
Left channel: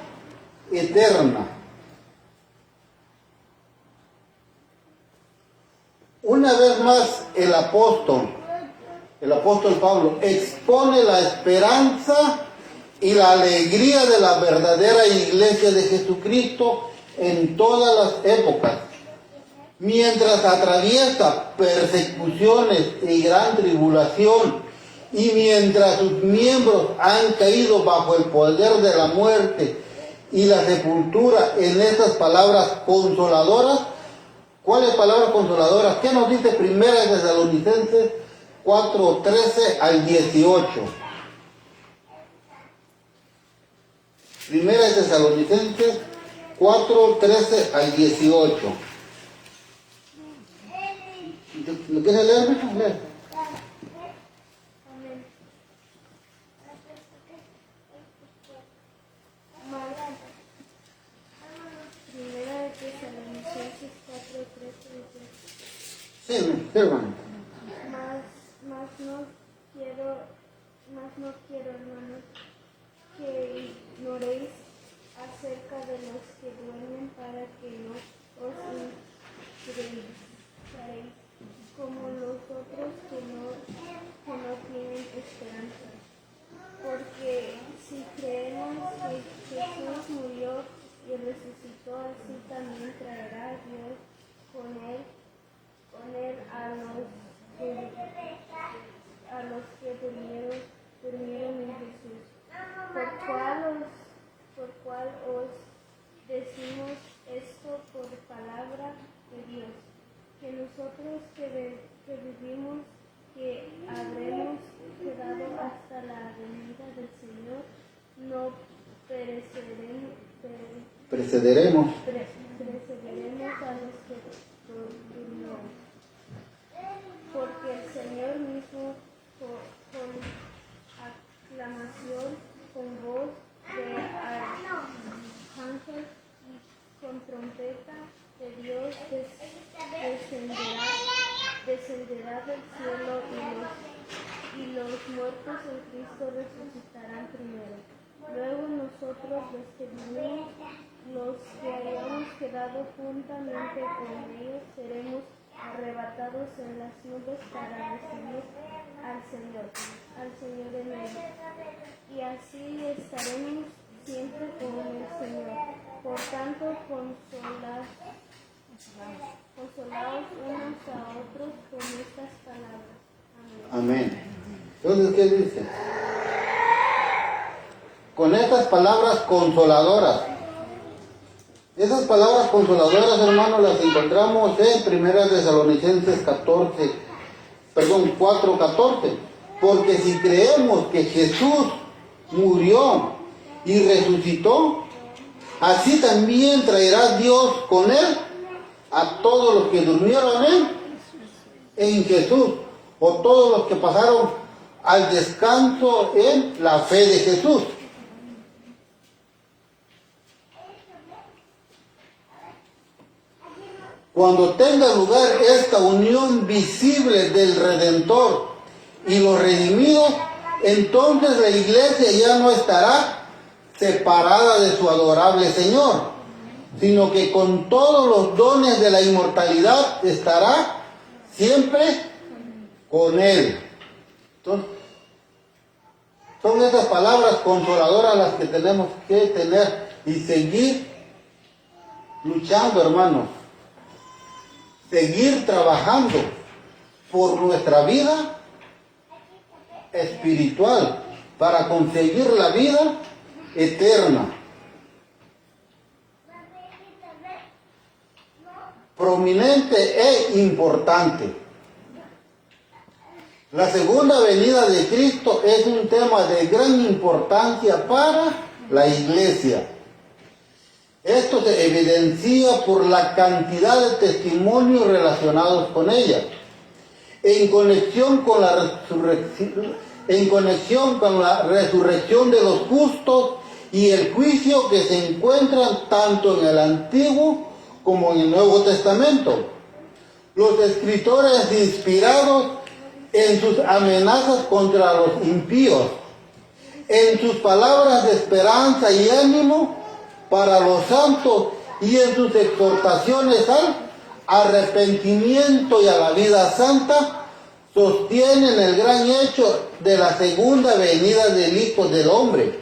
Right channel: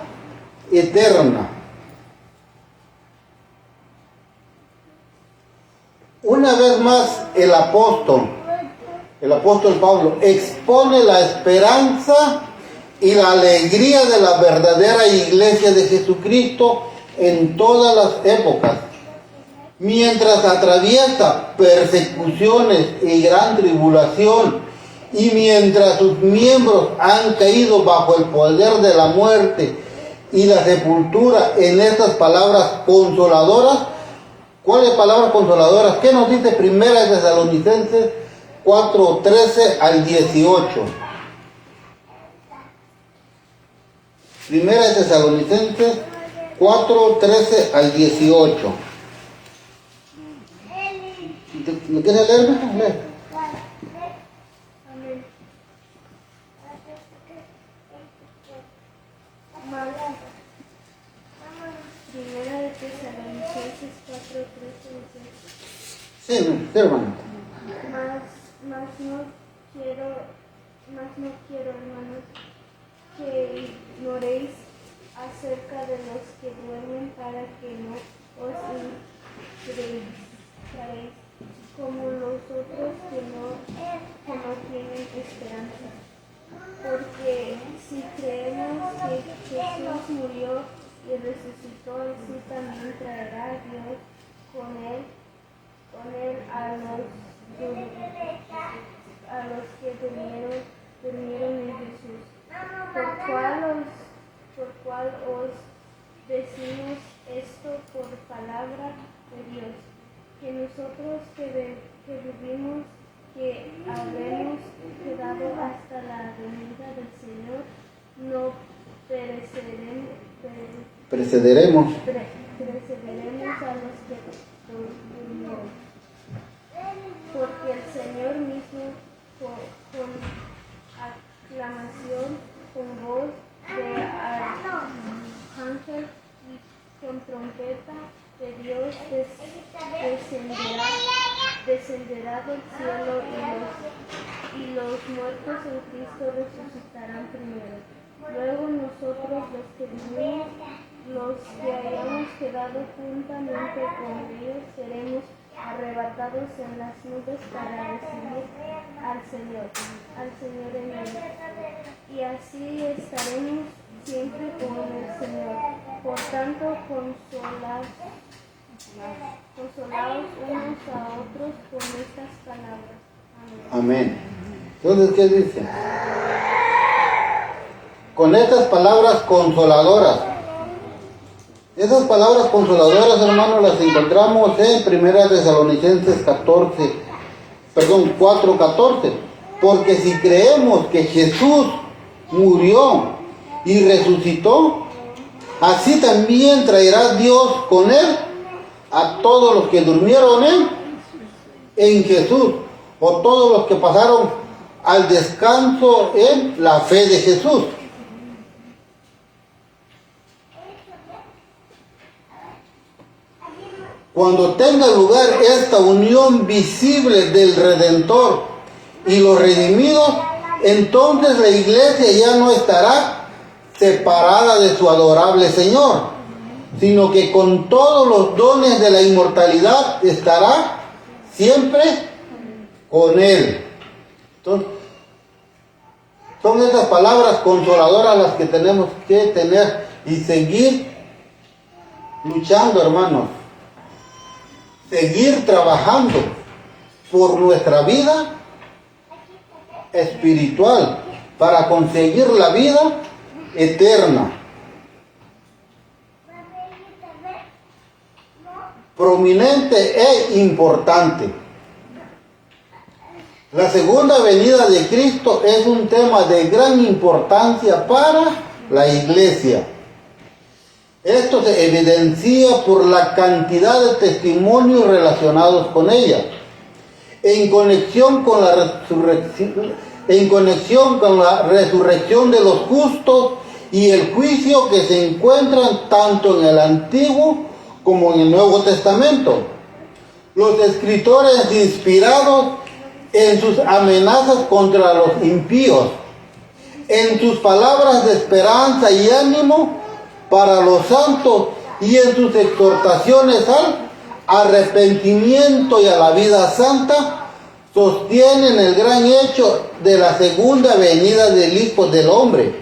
eterna. Una vez más el apóstol Pablo expone la esperanza y la alegría de la verdadera iglesia de Jesucristo en todas las épocas. Mientras atraviesa persecuciones y gran tribulación, y mientras sus miembros han caído bajo el poder de la muerte y la sepultura, en estas palabras consoladoras. ¿Cuáles palabras consoladoras? ¿Qué nos dice 1 Tesalonicenses 4, 13 al 18? 1 Tesalonicenses 4, 13 al 18. ¿Me quieres leer? Leer. Primera de Tesalonicenses 4:13 Sí, hermano. Mas no quiero, hermanos, que ignoréis acerca de los que duermen para que no os distraigáis como los otros que no tienen esperanza. Porque si creemos que Jesús murió y resucitó, así también traerá Dios con él a los que durmieron en Jesús. Por cual os decimos esto por palabra de Dios, que nosotros que vivimos, que habremos quedado hasta la venida del Señor, no precederemos a los que durmieron. Porque el Señor mismo, con aclamación, con voz de arcángel y con trompeta de Dios, descenderá del cielo, y los muertos en Cristo resucitarán primero. Luego nosotros, los que vivimos, los que hayamos quedado juntamente con ellos, seremos arrebatados en las nubes para recibir al Señor en él. Y así estaremos siempre con el Señor. Por tanto, consolaos unos a otros con estas palabras. Amén. Entonces, ¿qué dice? Con estas palabras consoladoras. Esas palabras consoladoras, hermanos, las encontramos en 1 Tesalonicenses 4:14. Porque si creemos que Jesús murió y resucitó, así también traerá Dios con él a todos los que durmieron en Jesús, o todos los que pasaron al descanso en la fe de Jesús. Cuando tenga lugar esta unión visible del Redentor y los redimidos, entonces la iglesia ya no estará separada de su adorable Señor, sino que con todos los dones de la inmortalidad estará siempre con Él. Entonces, son esas palabras consoladoras las que tenemos que tener y seguir luchando, hermanos. Seguir trabajando por nuestra vida espiritual para conseguir la vida eterna. Prominente e importante. La segunda venida de Cristo es un tema de gran importancia para la iglesia. Esto se evidencia por la cantidad de testimonios relacionados con ella, en conexión con la resurrección de los justos y el juicio que se encuentran tanto en el Antiguo como en el Nuevo Testamento. Los escritores inspirados en sus amenazas contra los impíos, en sus palabras de esperanza y ánimo para los santos y en sus exhortaciones al arrepentimiento y a la vida santa, sostienen el gran hecho de la segunda venida del Hijo del Hombre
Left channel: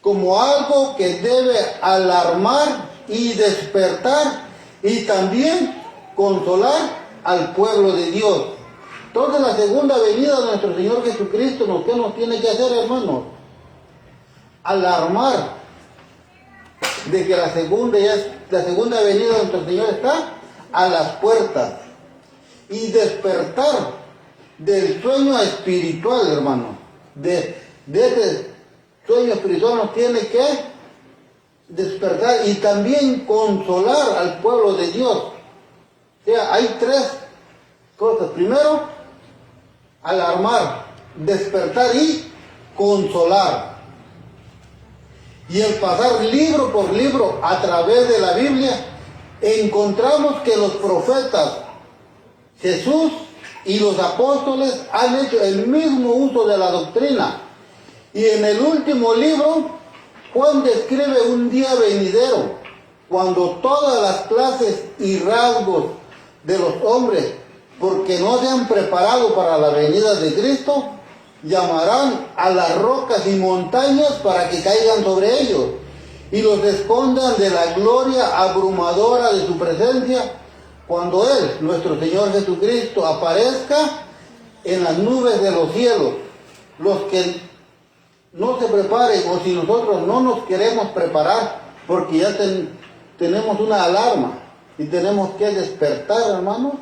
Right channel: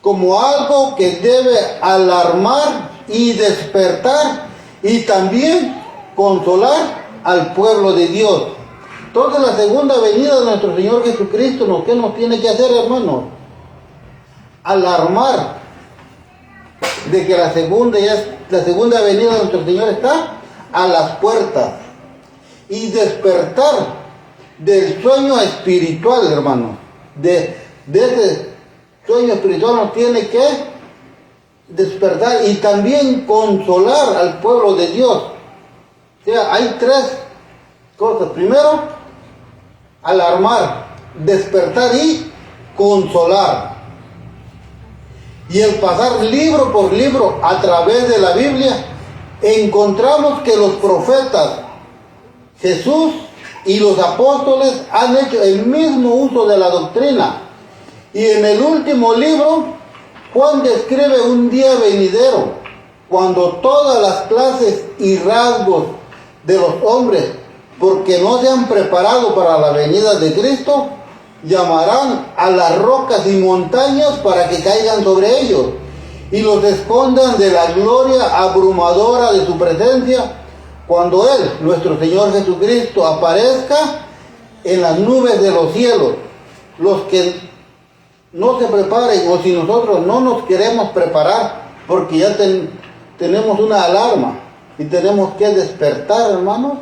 como algo que debe alarmar y despertar y también consolar al pueblo de Dios. Entonces la segunda venida de nuestro Señor Jesucristo, ¿qué nos tiene que hacer, hermanos? Alarmar de que la segunda venida de nuestro Señor está a las puertas y despertar del sueño espiritual, hermano. De ese sueño espiritual nos tiene que despertar y también consolar al pueblo de Dios. O sea, hay tres cosas. Primero, alarmar, despertar y consolar. Y el pasar libro por libro a través de la Biblia, encontramos que los profetas, Jesús y los apóstoles han hecho el mismo uso de la doctrina. Y en el último libro, Juan describe un día venidero, cuando todas las clases y rasgos de los hombres, porque no se han preparado para la venida de Cristo, llamarán a las rocas y montañas para que caigan sobre ellos y los escondan de la gloria abrumadora de su presencia, cuando Él, nuestro Señor Jesucristo, aparezca en las nubes de los cielos. Los que no se preparen, o si nosotros no nos queremos preparar, porque ya tenemos una alarma y tenemos que despertar, hermanos,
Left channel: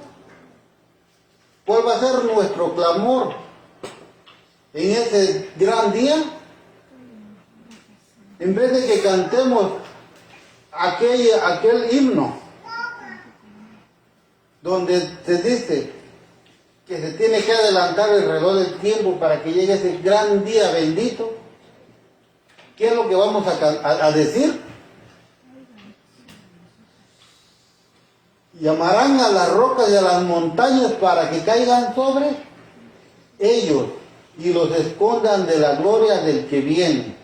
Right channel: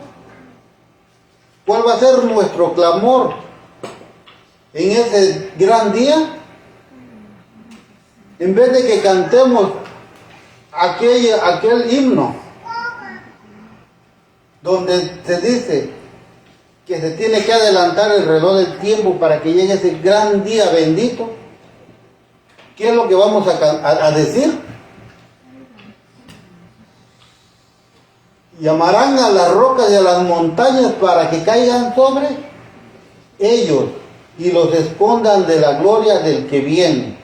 ¿cuál va a ser nuestro clamor en ese gran día? En vez de que cantemos aquel himno donde se dice que se tiene que adelantar el reloj del tiempo para que llegue ese gran día bendito, ¿qué es lo que vamos a decir? Llamarán a las rocas y a las montañas para que caigan sobre ellos y los escondan de la gloria del que viene.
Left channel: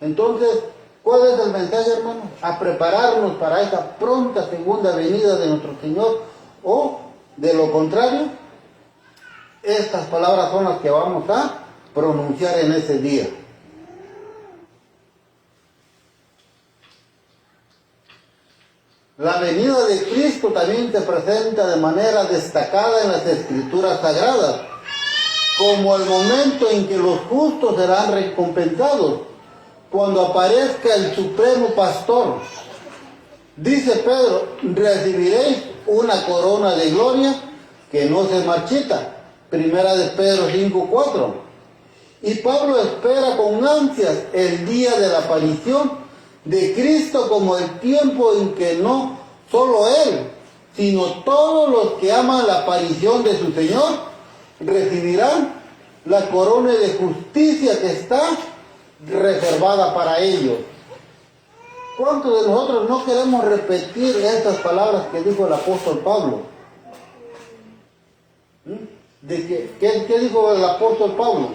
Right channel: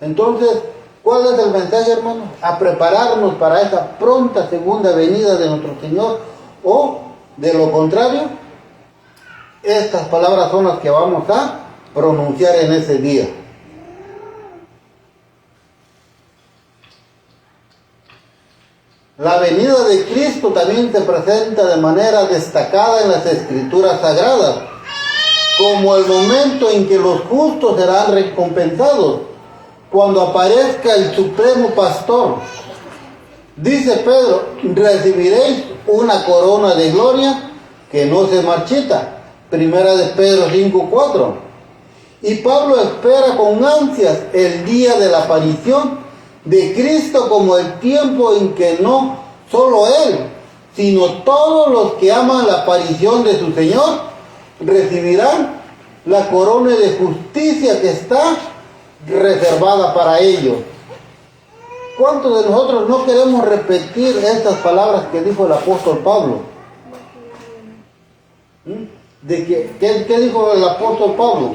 Entonces, ¿cuál es el mensaje, hermano? A prepararnos para esa pronta segunda venida de nuestro Señor, o de lo contrario, estas palabras son las que vamos a pronunciar en ese día. La venida de Cristo también se presenta de manera destacada en las Escrituras Sagradas, como el momento en que los justos serán recompensados, cuando aparezca el Supremo Pastor. Dice Pedro, recibiréis una corona de gloria que no se marchita. Primera de Pedro 5:4. Y Pablo espera con ansias el día de la aparición de Cristo, como el tiempo en que no solo Él, sino todos los que aman la aparición de su Señor, recibirán la corona de justicia que está reservada para ellos. ¿Cuántos de nosotros no queremos repetir estas palabras que dijo el apóstol Pablo? ¿Qué dijo el apóstol Pablo?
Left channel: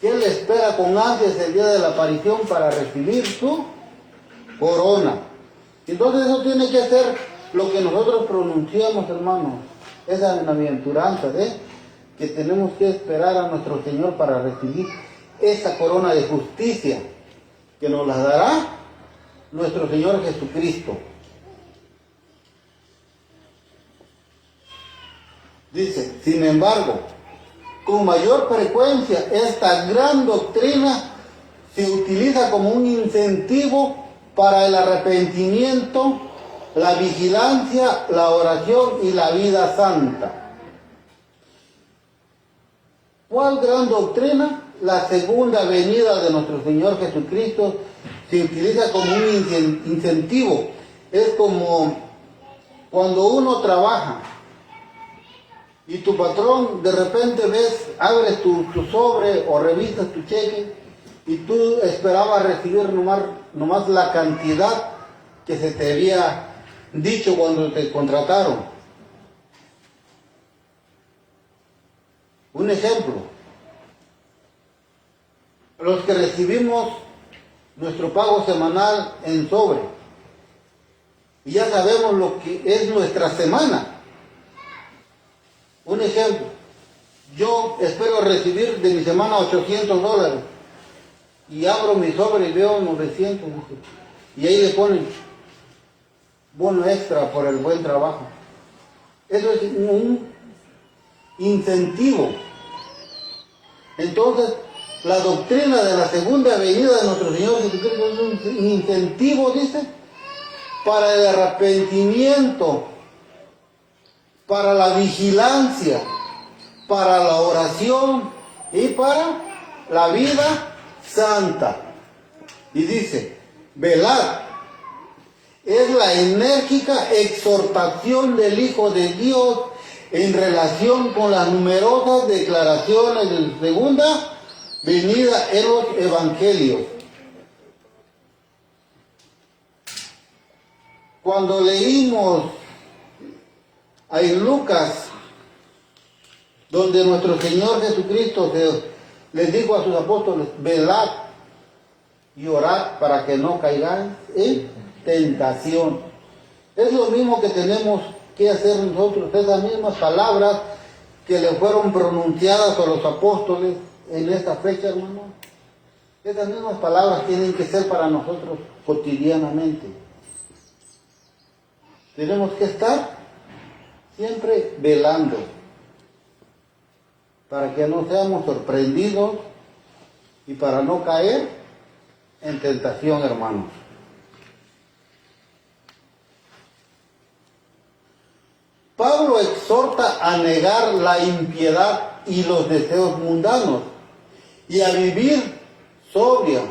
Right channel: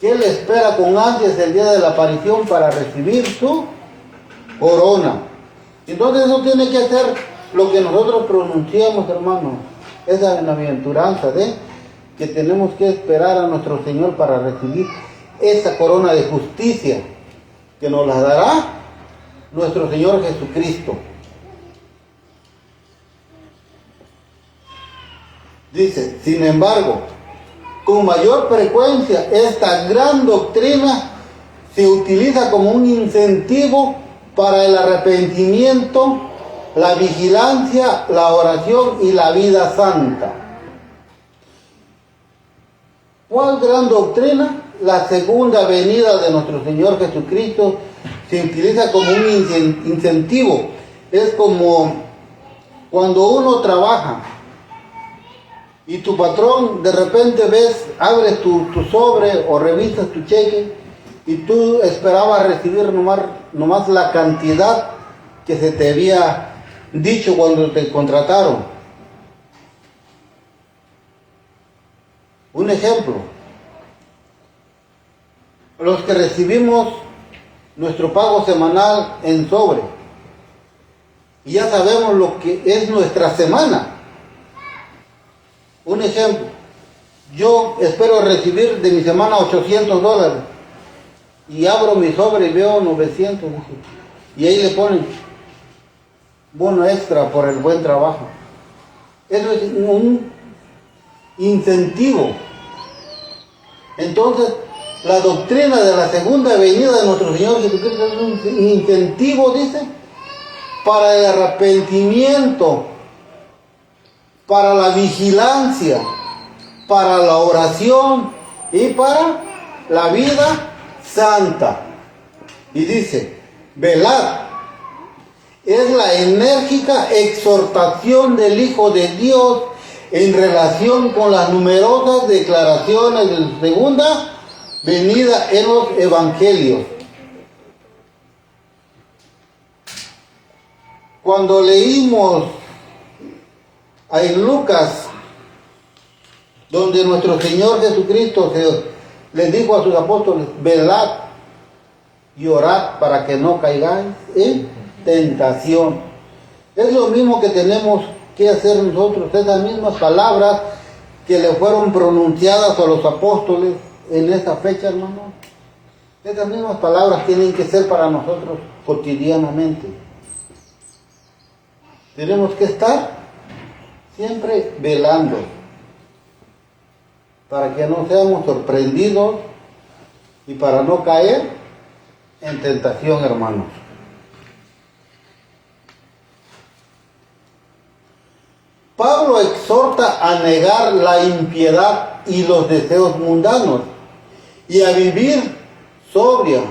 Que él espera con ansias el día de la aparición para recibir su corona. Entonces eso tiene que ser lo que nosotros pronunciemos, hermanos, esa bienaventuranza de que tenemos que esperar a nuestro Señor para recibir esa corona de justicia que nos la dará nuestro Señor Jesucristo. Dice, sin embargo, con mayor frecuencia esta gran doctrina se utiliza como un incentivo para el arrepentimiento, la vigilancia, la oración y la vida santa. ¿Cuál gran doctrina? La segunda venida de nuestro Señor Jesucristo se utiliza como un incentivo. Es como cuando uno trabaja y tu patrón de repente abres tu sobre o revisas tu cheque y tú esperabas recibir nomás la cantidad que se te había dicho cuando te contrataron. Un ejemplo, los que recibimos nuestro pago semanal en sobre, y ya sabemos lo que es nuestra semana. Un ejemplo, yo espero recibir de mi semana $800 y abro mi sobre y veo 900 y ahí le ponen bono extra por el buen trabajo. Eso es un incentivo. Entonces, la doctrina de la segunda venida de nuestro Señor Jesucristo es un incentivo, dice, para el arrepentimiento, para la vigilancia, para la oración y para la vida santa. Y dice, velad, es la enérgica exhortación del Hijo de Dios en relación con las numerosas declaraciones de la segunda venida en los evangelios. Cuando leímos en Lucas donde nuestro Señor Jesucristo les dijo a sus apóstoles, velad y orad para que no caigáis en tentación. Es lo mismo que tenemos que hacer nosotros, esas mismas palabras que le fueron pronunciadas a los apóstoles en esta fecha, hermano. Esas mismas palabras tienen que ser para nosotros cotidianamente. Tenemos que estar siempre velando para que no seamos sorprendidos y para no caer en tentación, hermanos. Pablo exhorta a negar la impiedad y los deseos mundanos y a vivir sobria,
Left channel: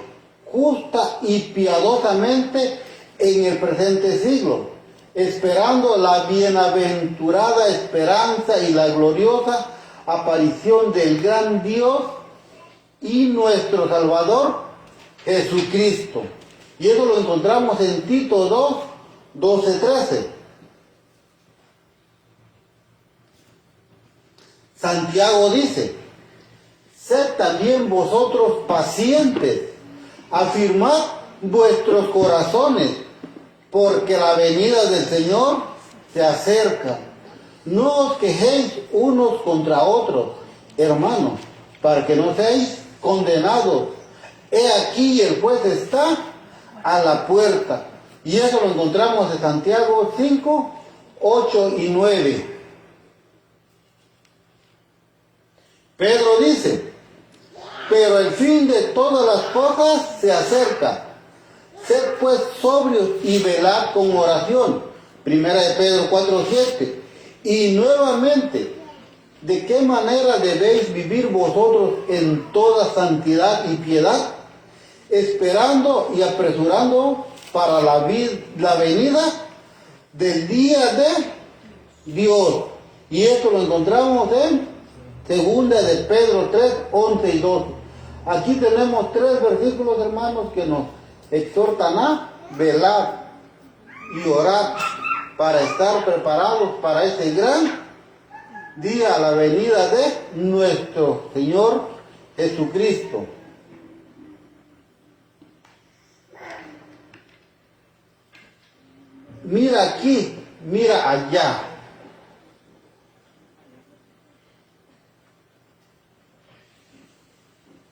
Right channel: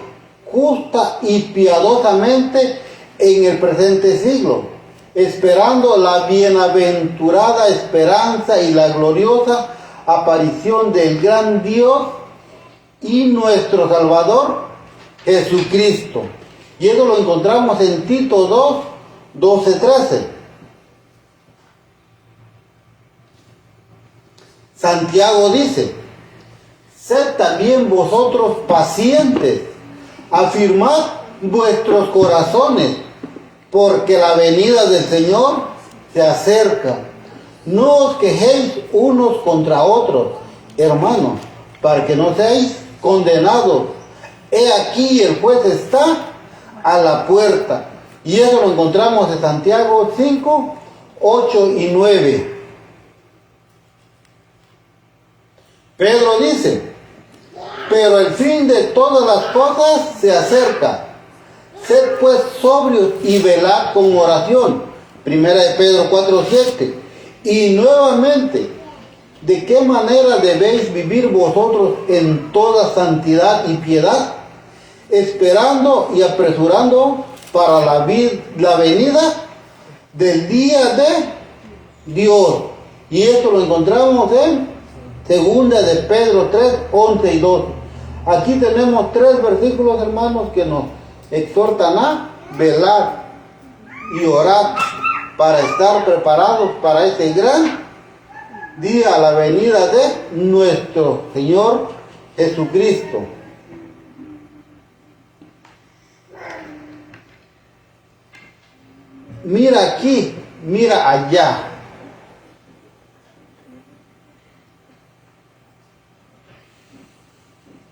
justa y piadosamente en el presente siglo, esperando la bienaventurada esperanza y la gloriosa aparición del gran Dios y nuestro Salvador Jesucristo. Y eso lo encontramos en Tito 2, 12, 13. Santiago dice, sed también vosotros pacientes, afirmad vuestros corazones, porque la venida del Señor se acerca. No os quejéis unos contra otros, hermanos, para que no seáis condenados. He aquí el juez está a la puerta. Y eso lo encontramos en Santiago 5, 8 y 9. Pedro dice, pero el fin de todas las cosas se acerca. Sed pues sobrios y velad con oración. Primera de Pedro 4, 7. Y nuevamente, ¿de qué manera debéis vivir vosotros en toda santidad y piedad? Esperando y apresurando para la venida del día de Dios. Y esto lo encontramos en Segunda de Pedro 3, 11 y 12. Aquí tenemos 3 versículos, hermanos, que nos exhortan a velar y orar para estar preparados para este gran día, la venida de nuestro Señor Jesucristo. Mira aquí, mira allá.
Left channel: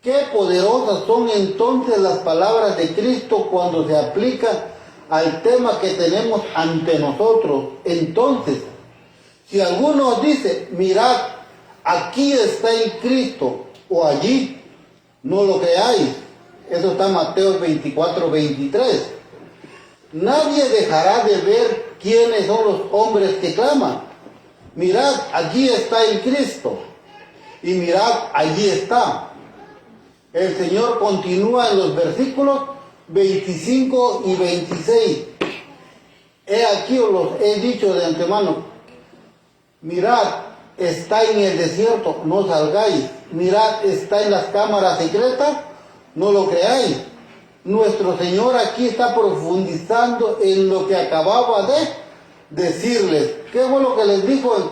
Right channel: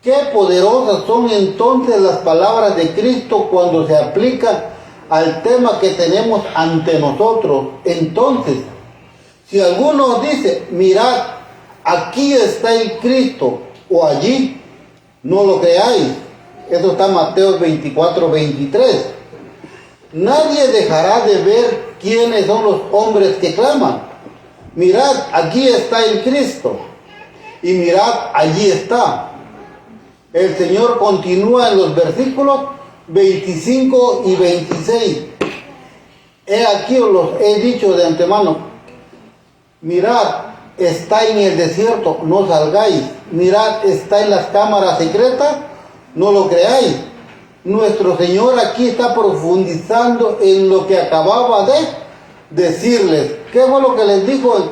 Qué poderosas son entonces las palabras de Cristo cuando se aplican al tema que tenemos ante nosotros. Entonces, si alguno dice, mirad, aquí está el Cristo, o allí, no lo creáis. Eso está en Mateo 24, 23. Nadie dejará de ver quiénes son los hombres que claman. Mirad, aquí está el Cristo. Y mirad, allí está. El Señor continúa en los versículos 25 y 26. He aquí os los he dicho de antemano. Mirad, está en el desierto, no salgáis. Mirad, está en las cámaras secretas, no lo creáis. Nuestro Señor aquí está profundizando en lo que acababa de decirles. ¿Qué fue lo que les dijo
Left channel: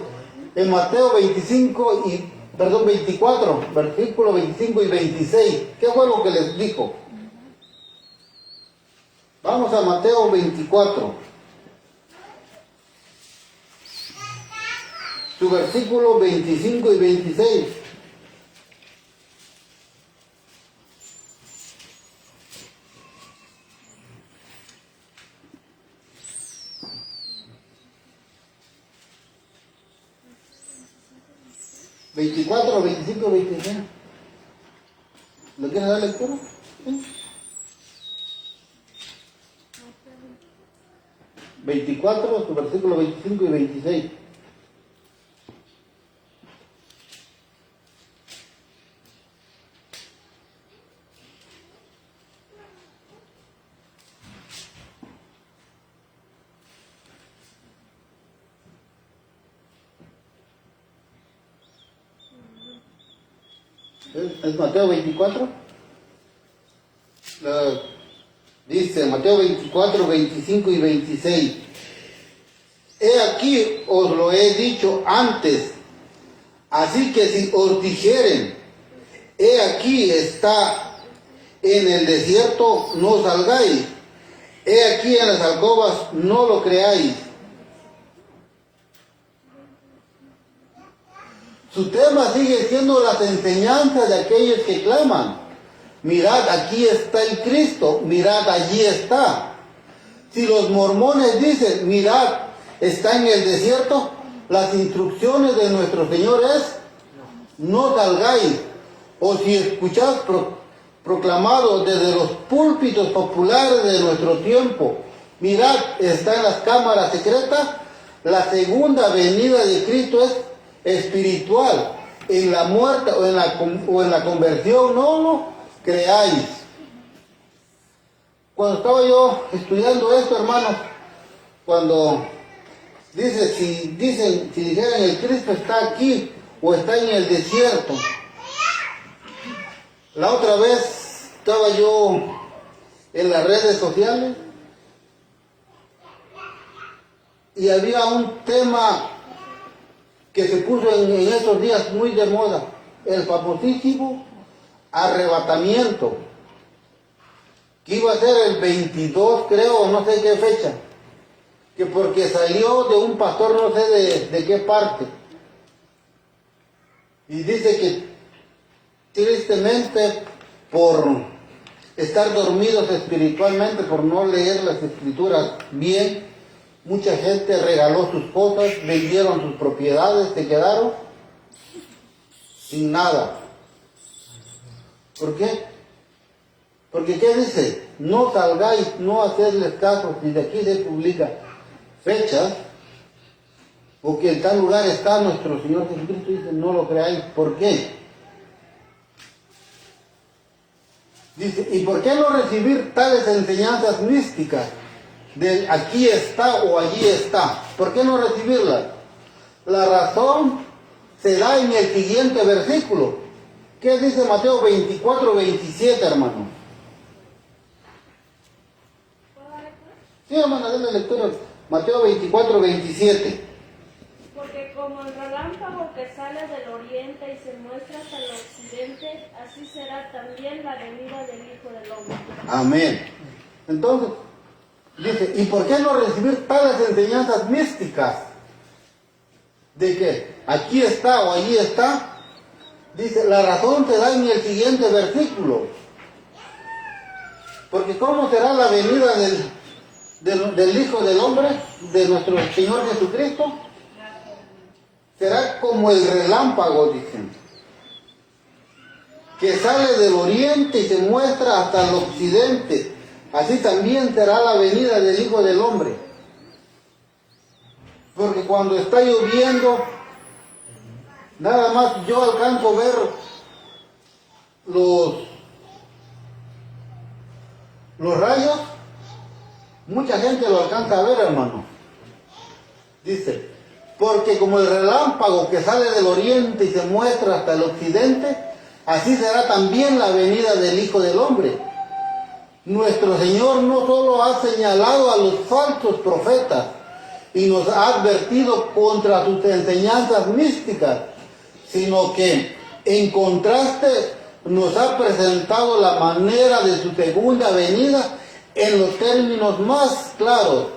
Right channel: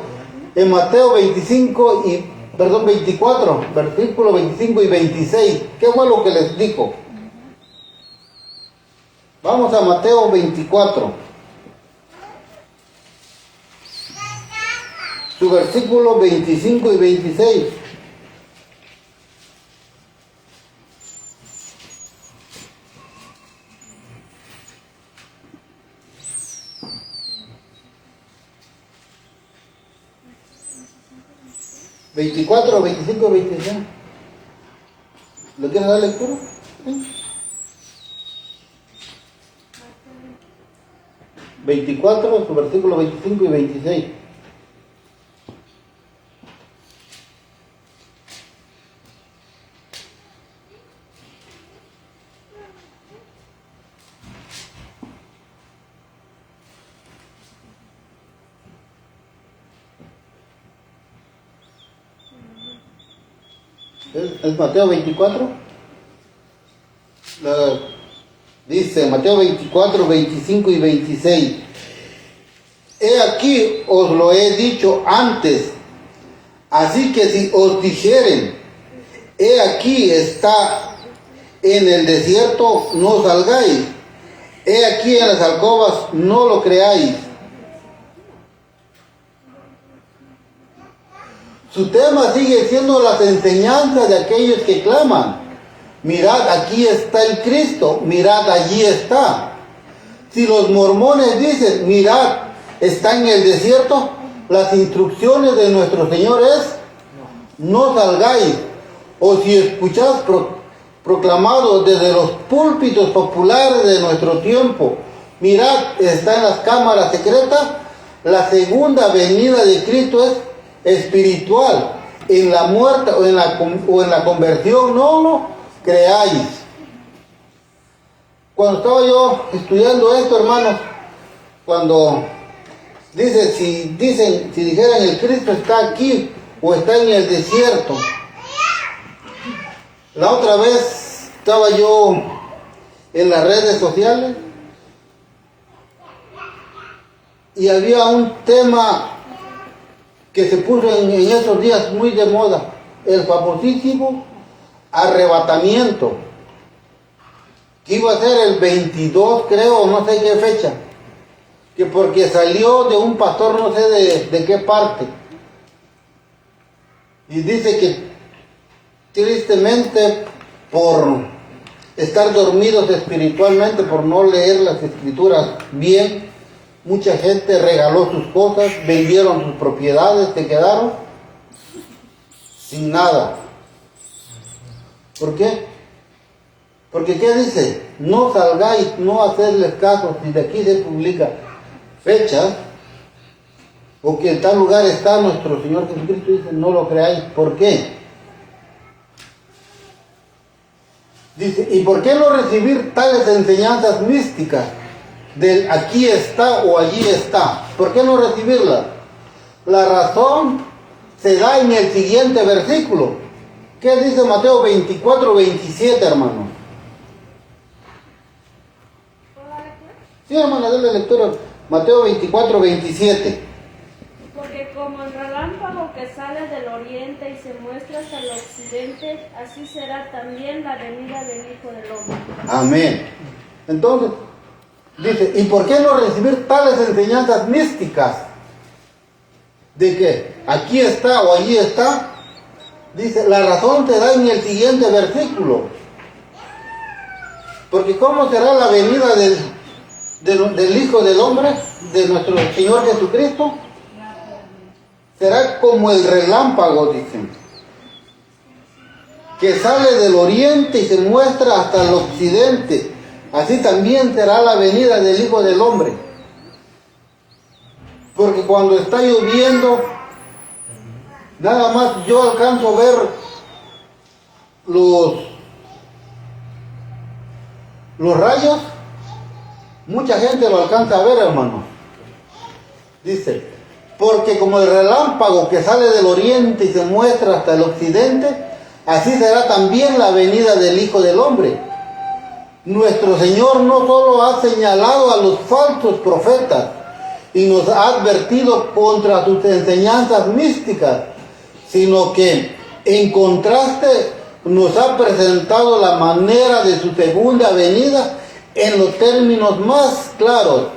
en Mateo 24, versículos 25 y 26? ¿Qué fue lo que les dijo? Vamos a Mateo 24. Su versículo 25 y 26. ¿24, 25 y 26? ¿Le quieres dar lectura? ¿Sí? 24, su versículo 25 y 26. ¿Es Mateo 24? Dice Mateo 24, 25 y 26. He aquí os lo he dicho antes, Así que si os dijeren, he aquí está en el desierto, no salgáis. He aquí en las alcobas, no lo creáis. Su tema sigue siendo las enseñanzas de aquellos que claman. Mirad, aquí está el Cristo, mirad, allí está. Si los mormones dicen, mirad, está en el desierto, las instrucciones de nuestro Señor es, no salgáis. O si escuchás proclamado desde los púlpitos populares de nuestro tiempo, mirad, está en las cámaras secretas, la segunda venida de Cristo es espiritual. En la muerte o en la conversión no lo creáis. Cuando estaba yo estudiando esto, hermanos, cuando dice, si dijeran el Cristo está aquí o está en el desierto. La otra vez estaba yo en las redes sociales y había un tema que se puso en estos días muy de moda, el famosísimo arrebatamiento, que iba a ser el 22, creo, no sé qué fecha, que porque salió de un pastor, no sé de qué parte, y dice que tristemente por estar dormidos espiritualmente, por no leer las escrituras bien, mucha gente regaló sus cosas, vendieron sus propiedades, se quedaron sin nada. ¿Por qué? Porque ¿qué dice? No salgáis, no hacedles caso, si de aquí se publica fecha, o que en tal lugar está nuestro Señor Jesucristo, dice, no lo creáis. ¿Por qué? Dice, ¿y por qué no recibir tales enseñanzas místicas del aquí está o allí está? ¿Por qué no recibirlas? La razón se da en el siguiente versículo. ¿Qué dice Mateo 24, 27, hermano? Sí, hermano, denle lectura. Mateo 24, 27. Porque como el relámpago que sale del oriente y se muestra hasta el occidente, así será también la venida del Hijo del Hombre. Amén. Entonces, dice, ¿y por qué no recibir tales enseñanzas místicas? ¿De qué? Aquí está o allí está. Dice, la razón te da en el siguiente versículo. Porque ¿cómo será la venida del Hijo del Hombre, de nuestro Señor Jesucristo? Será como el relámpago, dicen, que sale del oriente y se muestra hasta el occidente. Así también será la venida del Hijo del Hombre. Porque cuando está lloviendo, nada más yo alcanzo a ver los rayos. Mucha gente lo alcanza a ver, hermano. Dice, porque como el relámpago que sale del oriente y se muestra hasta el occidente, así será también la venida del Hijo del Hombre. Nuestro Señor no solo ha señalado a los falsos profetas y nos ha advertido contra sus enseñanzas místicas, sino que en contraste nos ha presentado la manera de su segunda venida en los términos más claros.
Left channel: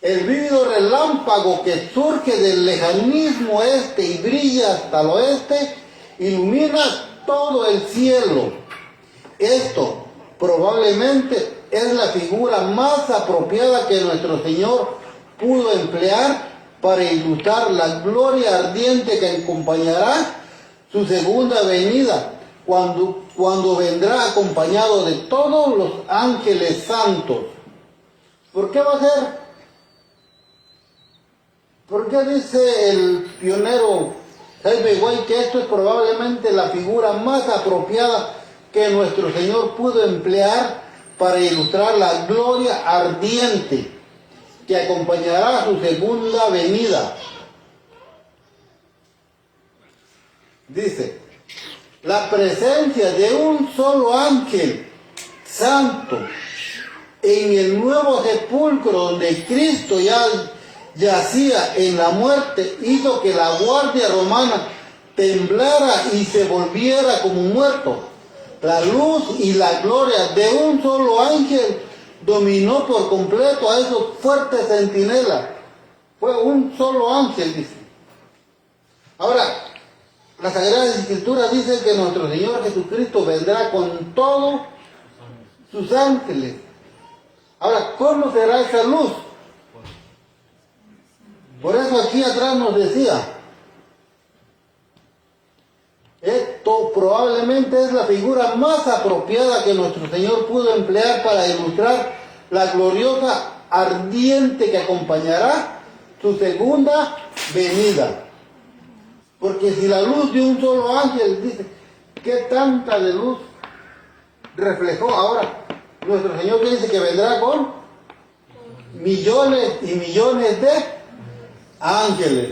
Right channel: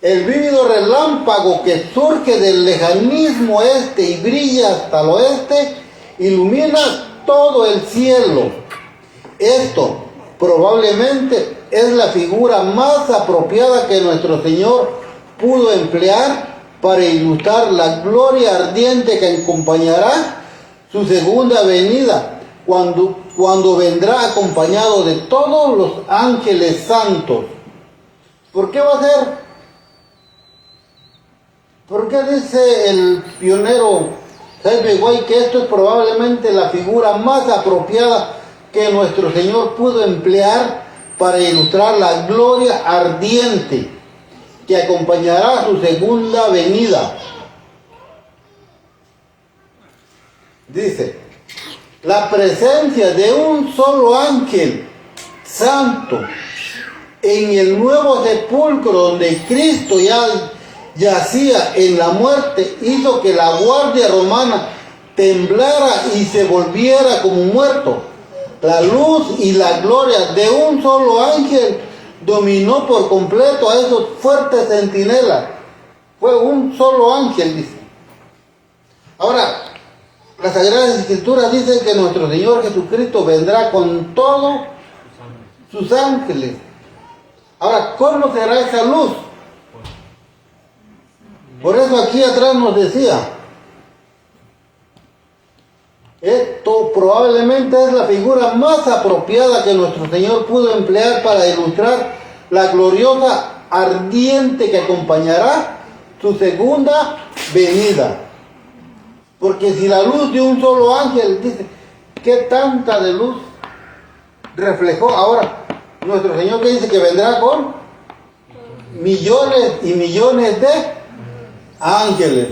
El vívido relámpago que surge del lejanismo este y brilla hasta el oeste, ilumina todo el cielo. Esto probablemente es la figura más apropiada que nuestro Señor pudo emplear para ilustrar la gloria ardiente que acompañará su segunda venida, cuando vendrá acompañado de todos los ángeles santos. ¿Por qué va a ser? ¿Por qué dice el pionero Herbert White que esto es probablemente la figura más apropiada que nuestro Señor pudo emplear para ilustrar la gloria ardiente que acompañará su segunda venida? Dice, la presencia de un solo ángel santo en el nuevo sepulcro donde Cristo ya yacía en la muerte hizo que la guardia romana temblara y se volviera como muerto. La luz y la gloria de un solo ángel dominó por completo a esos fuertes centinelas. Fue un solo ángel, dice. Ahora, las Sagradas Escrituras dicen que nuestro Señor Jesucristo vendrá con todos sus ángeles. Ahora, ¿cómo será esa luz? Por eso aquí atrás nos decía, esto probablemente es la figura más apropiada que nuestro Señor pudo emplear para ilustrar la gloriosa ardiente que acompañará su segunda venida. Porque si la luz de un solo ángel, dice, ¿qué tanta de luz reflejó? Ahora, nuestro Señor que dice que vendrá con millones y millones de ángeles.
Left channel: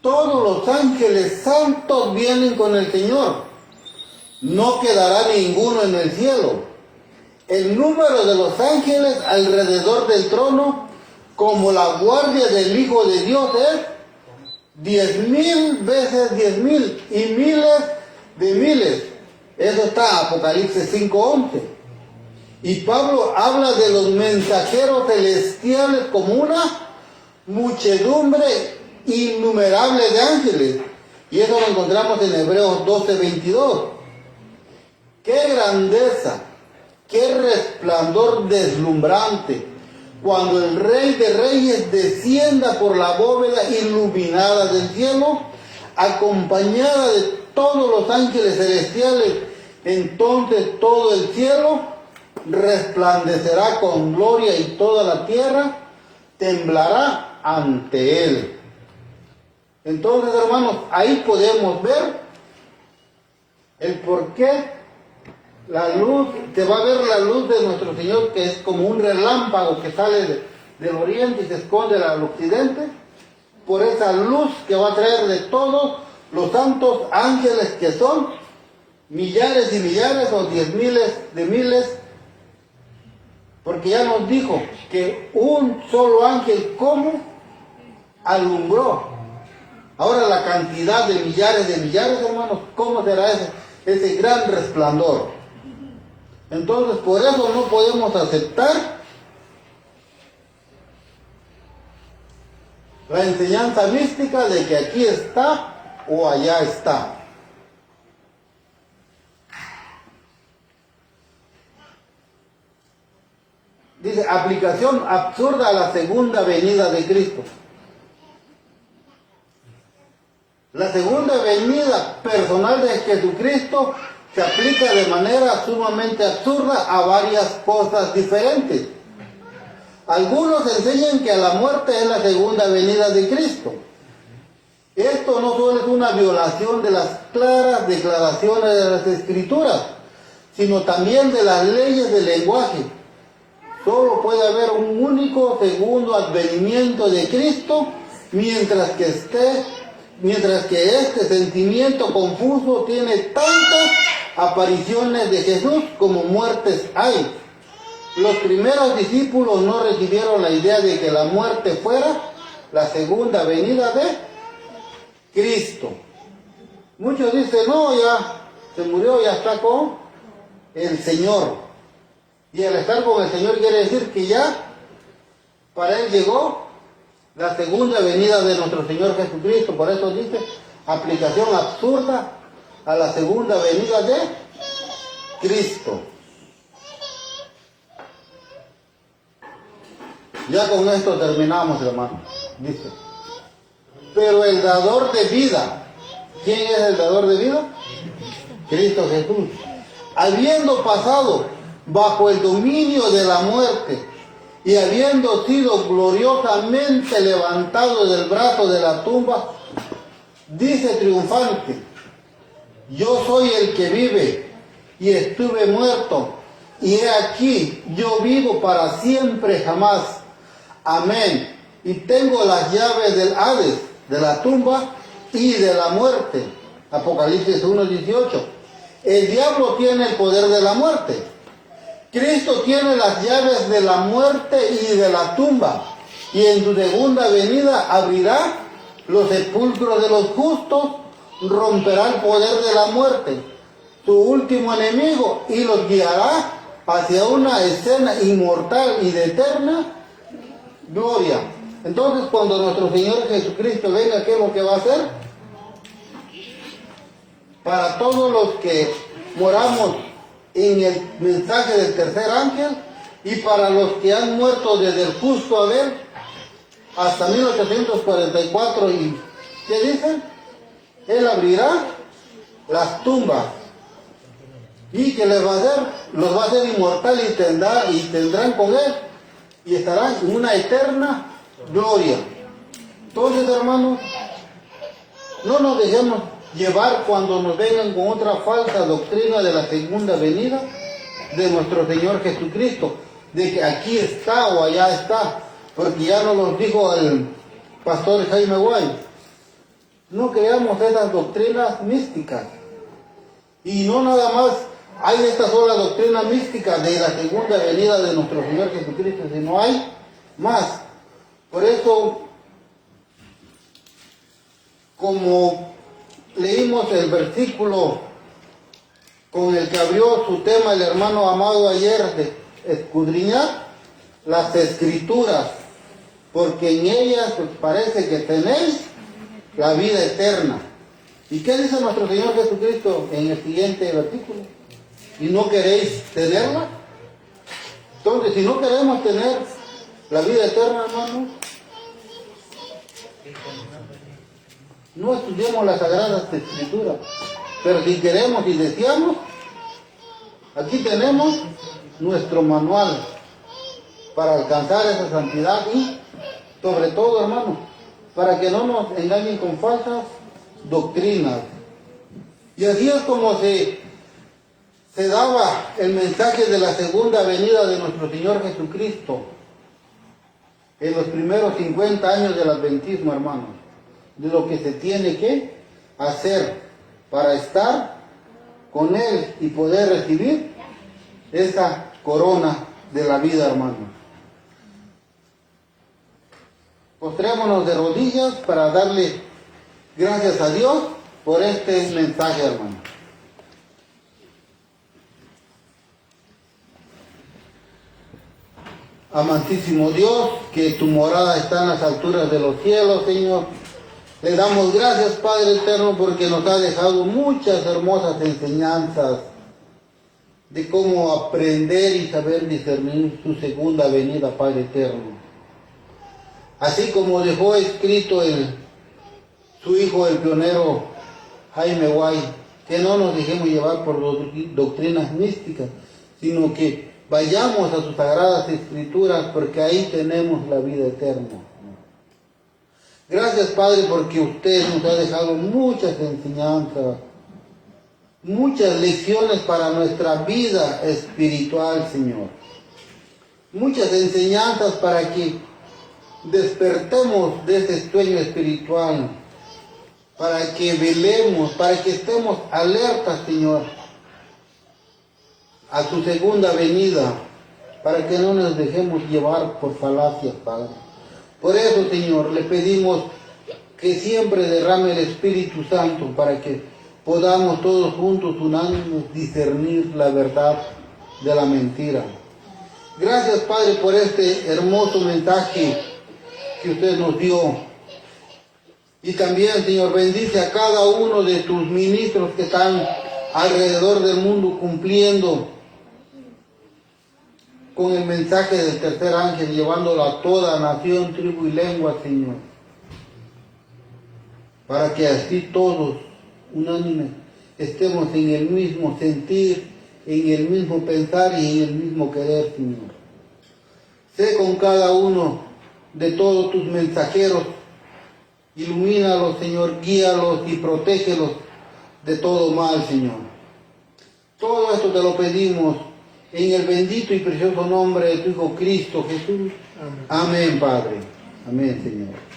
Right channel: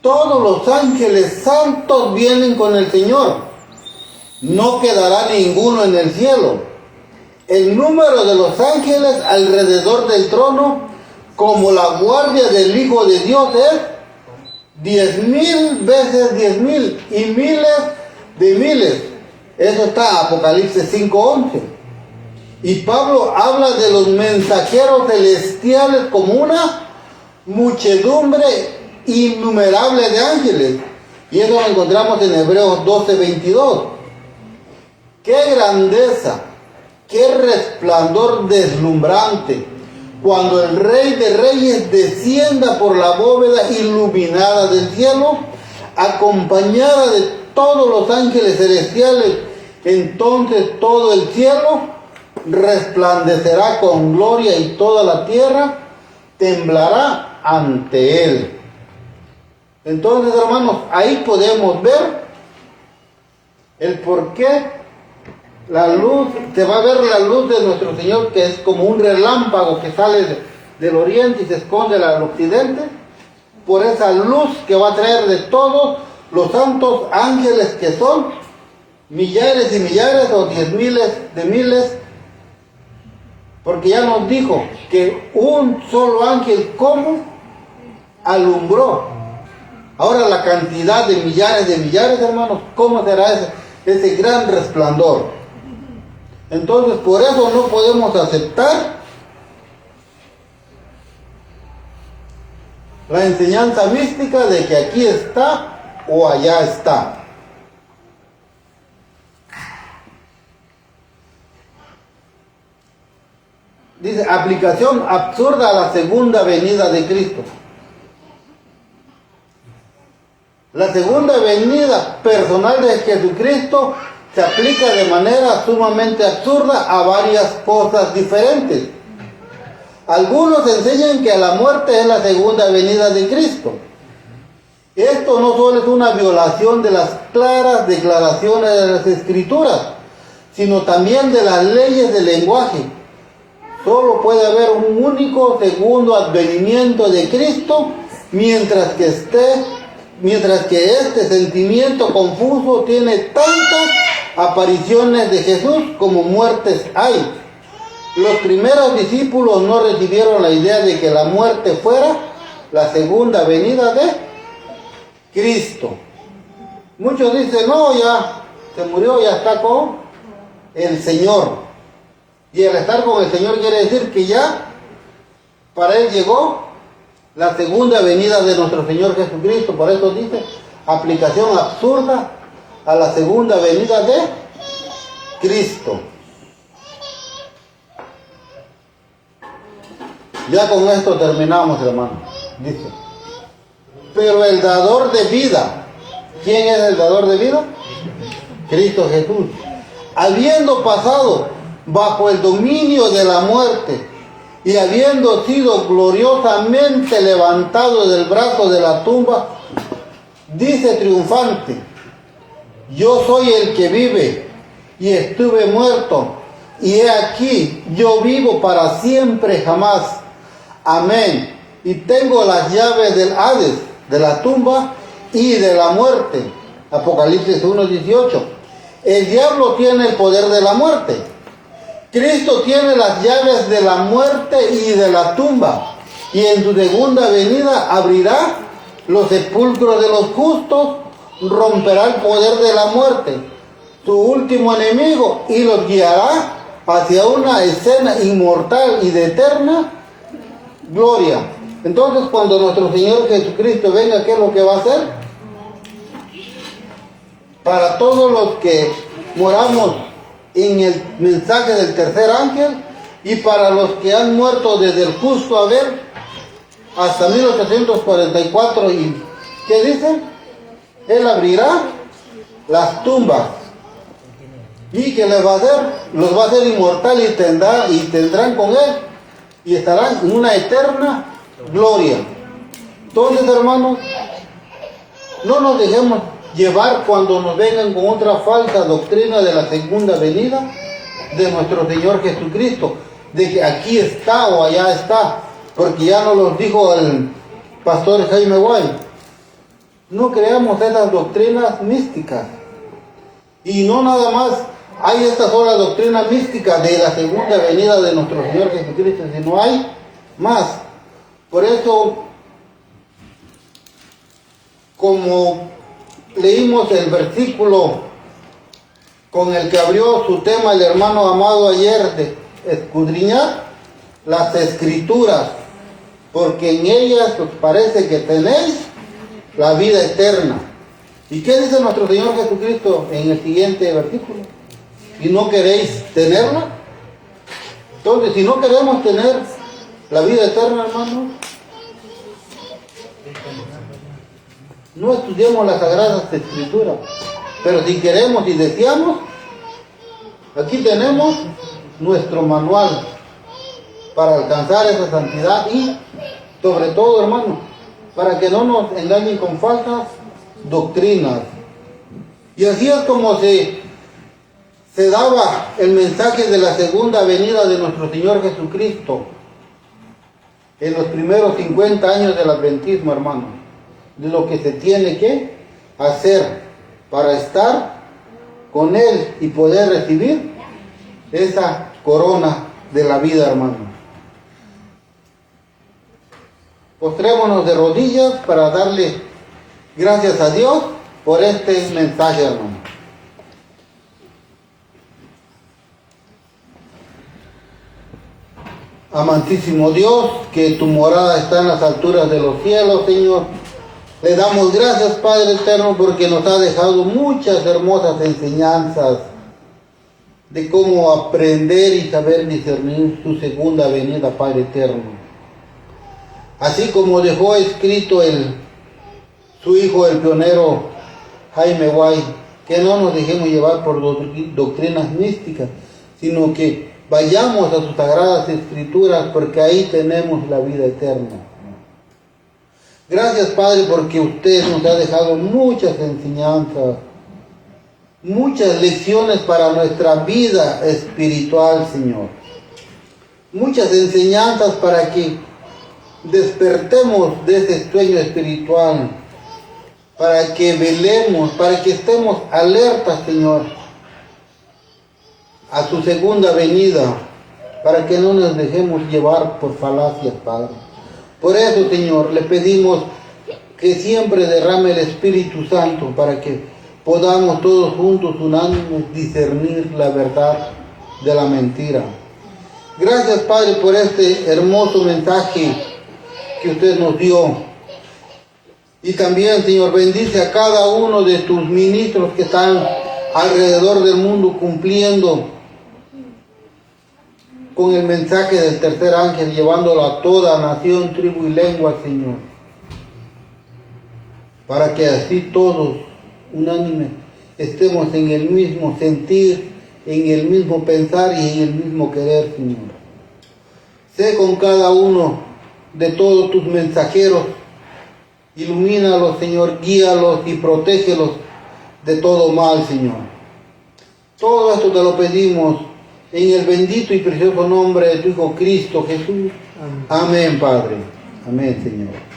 Todos los ángeles santos vienen con el Señor. No quedará ninguno en el cielo. El número de los ángeles alrededor del trono, como la guardia del Hijo de Dios, es 10,000 veces 10,000 y miles de miles. Eso está en Apocalipsis 5:11. Y Pablo habla de los mensajeros celestiales como una muchedumbre innumerable de ángeles. Y eso lo encontramos en Hebreos 12:22. ¡Qué grandeza! ¡Qué resplandor deslumbrante! Cuando el Rey de Reyes descienda por la bóveda iluminada del cielo, acompañada de todos los ángeles celestiales, entonces todo el cielo resplandecerá con gloria y toda la tierra temblará ante él. Entonces, hermanos, ahí podemos ver el por qué la luz, se va a ver la luz de nuestro Señor, que es como un relámpago que sale del oriente y se esconde al occidente, por esa luz que va a traer de todos los santos ángeles, que son millares y millares o 10,000 de miles, porque ya nos dijo que un solo ángel como alumbró. Ahora la cantidad de millares, hermanos, ¿cómo será ese gran resplandor? Entonces, por eso no podemos aceptar la enseñanza mística de que aquí está o allá está. Dice, aplicación absurda a la segunda venida de Cristo. La segunda venida personal de Jesucristo se aplica de manera sumamente absurda a varias cosas diferentes. Algunos enseñan que la muerte es la segunda venida de Cristo. Esto no solo es una violación de las claras declaraciones de las Escrituras, sino también de las leyes del lenguaje. Solo puede haber un único segundo advenimiento de Cristo, mientras que este sentimiento confuso tiene tantas apariciones de Jesús como muertes hay. Los primeros discípulos no recibieron la idea de que la muerte fuera la segunda venida de Cristo. Muchos dicen, no, ya se murió, ya está con el Señor. Y al estar con el Señor quiere decir que ya para Él llegó la segunda venida de nuestro Señor Jesucristo. Por eso dice, aplicación absurda a la segunda venida de Cristo. Ya con esto terminamos, hermano. Dice, pero el dador de vida, ¿quién es el dador de vida? Cristo Jesús. Habiendo pasado bajo el dominio de la muerte y habiendo sido gloriosamente levantado del brazo de la tumba, dice triunfante, yo soy el que vive y estuve muerto, y he aquí, yo vivo para siempre jamás. Amén. Y tengo las llaves del Hades, de la tumba y de la muerte. Apocalipsis 1:18. El diablo tiene el poder de la muerte. Cristo tiene las llaves de la muerte y de la tumba. Y en su segunda venida abrirá los sepulcros de los justos, romperá el poder de la muerte, su último enemigo, y los guiará hacia una escena inmortal y de eterna gloria. Entonces, cuando nuestro Señor Jesucristo venga, ¿qué es lo que va a hacer? Para todos los que moramos en el mensaje del tercer ángel, y para los que han muerto desde el justo Abel hasta 1844, ¿y qué dicen? Él abrirá las tumbas y que les va a hacer, los va a hacer inmortal y tendrán con él y estarán en una eterna gloria. Entonces, hermanos, no nos dejemos llevar cuando nos vengan con otra falsa doctrina de la segunda venida de nuestro Señor Jesucristo, de que aquí está o allá está, porque ya nos lo dijo el pastor Jaime Guay. No creamos esas doctrinas místicas. Y no nada más hay esta sola doctrina mística de la segunda venida de nuestro Señor Jesucristo, sino hay más. Por eso, como leímos el versículo con el que abrió su tema el hermano Amado ayer, de escudriñar las escrituras, porque en ellas os parece que tenéis la vida eterna. ¿Y qué dice nuestro Señor Jesucristo en el siguiente versículo? ¿Y no queréis tenerla? Entonces, si no queremos tener la vida eterna, hermanos, no estudiemos las sagradas escrituras. Pero si queremos y deseamos, aquí tenemos nuestro manual para alcanzar esa santidad y, sobre todo, hermanos, para que no nos engañen con falsas doctrinas. Y así es como se daba el mensaje de la segunda venida de nuestro Señor Jesucristo en los primeros 50 años del adventismo, hermanos, de lo que se tiene que hacer para estar con Él y poder recibir esa corona de la vida, hermanos. Postrémonos de rodillas para darle gracias a Dios por este mensaje, hermano. Amantísimo Dios, que tu morada está en las alturas de los cielos, Señor. Le damos gracias, Padre eterno, porque nos ha dejado muchas hermosas enseñanzas de cómo aprender y saber discernir su segunda venida, Padre eterno. Así como dejó escrito su hijo, el pionero Jaime Guay, que no nos dejemos llevar por doctrinas místicas, sino que vayamos a sus sagradas escrituras, porque ahí tenemos la vida eterna. Gracias, Padre, porque usted nos ha dejado muchas enseñanzas, muchas lecciones para nuestra vida espiritual, Señor. Muchas enseñanzas para que despertemos de ese sueño espiritual, para que velemos, para que estemos alertas, Señor, a su segunda venida, para que no nos dejemos llevar por falacias, Padre. Por eso, Señor, le pedimos que siempre derrame el Espíritu Santo para que podamos todos juntos, unánimes, discernir la verdad de la mentira. Gracias, Padre, por este hermoso mensaje que usted nos dio. Y también, Señor, bendice a cada uno de tus ministros que están alrededor del mundo cumpliendo con el mensaje del tercer ángel, llevándolo a toda nación, tribu y lengua, Señor, para que así todos, unánimes, estemos en el mismo sentir, en el mismo pensar y en el mismo querer, Señor. Sé con cada uno de todos tus mensajeros, ilumínalos, Señor, guíalos y protégelos de todo mal, Señor. Todo esto te lo pedimos en el bendito y precioso nombre de tu Hijo Cristo Jesús. Amén, Padre. Amén, Señor.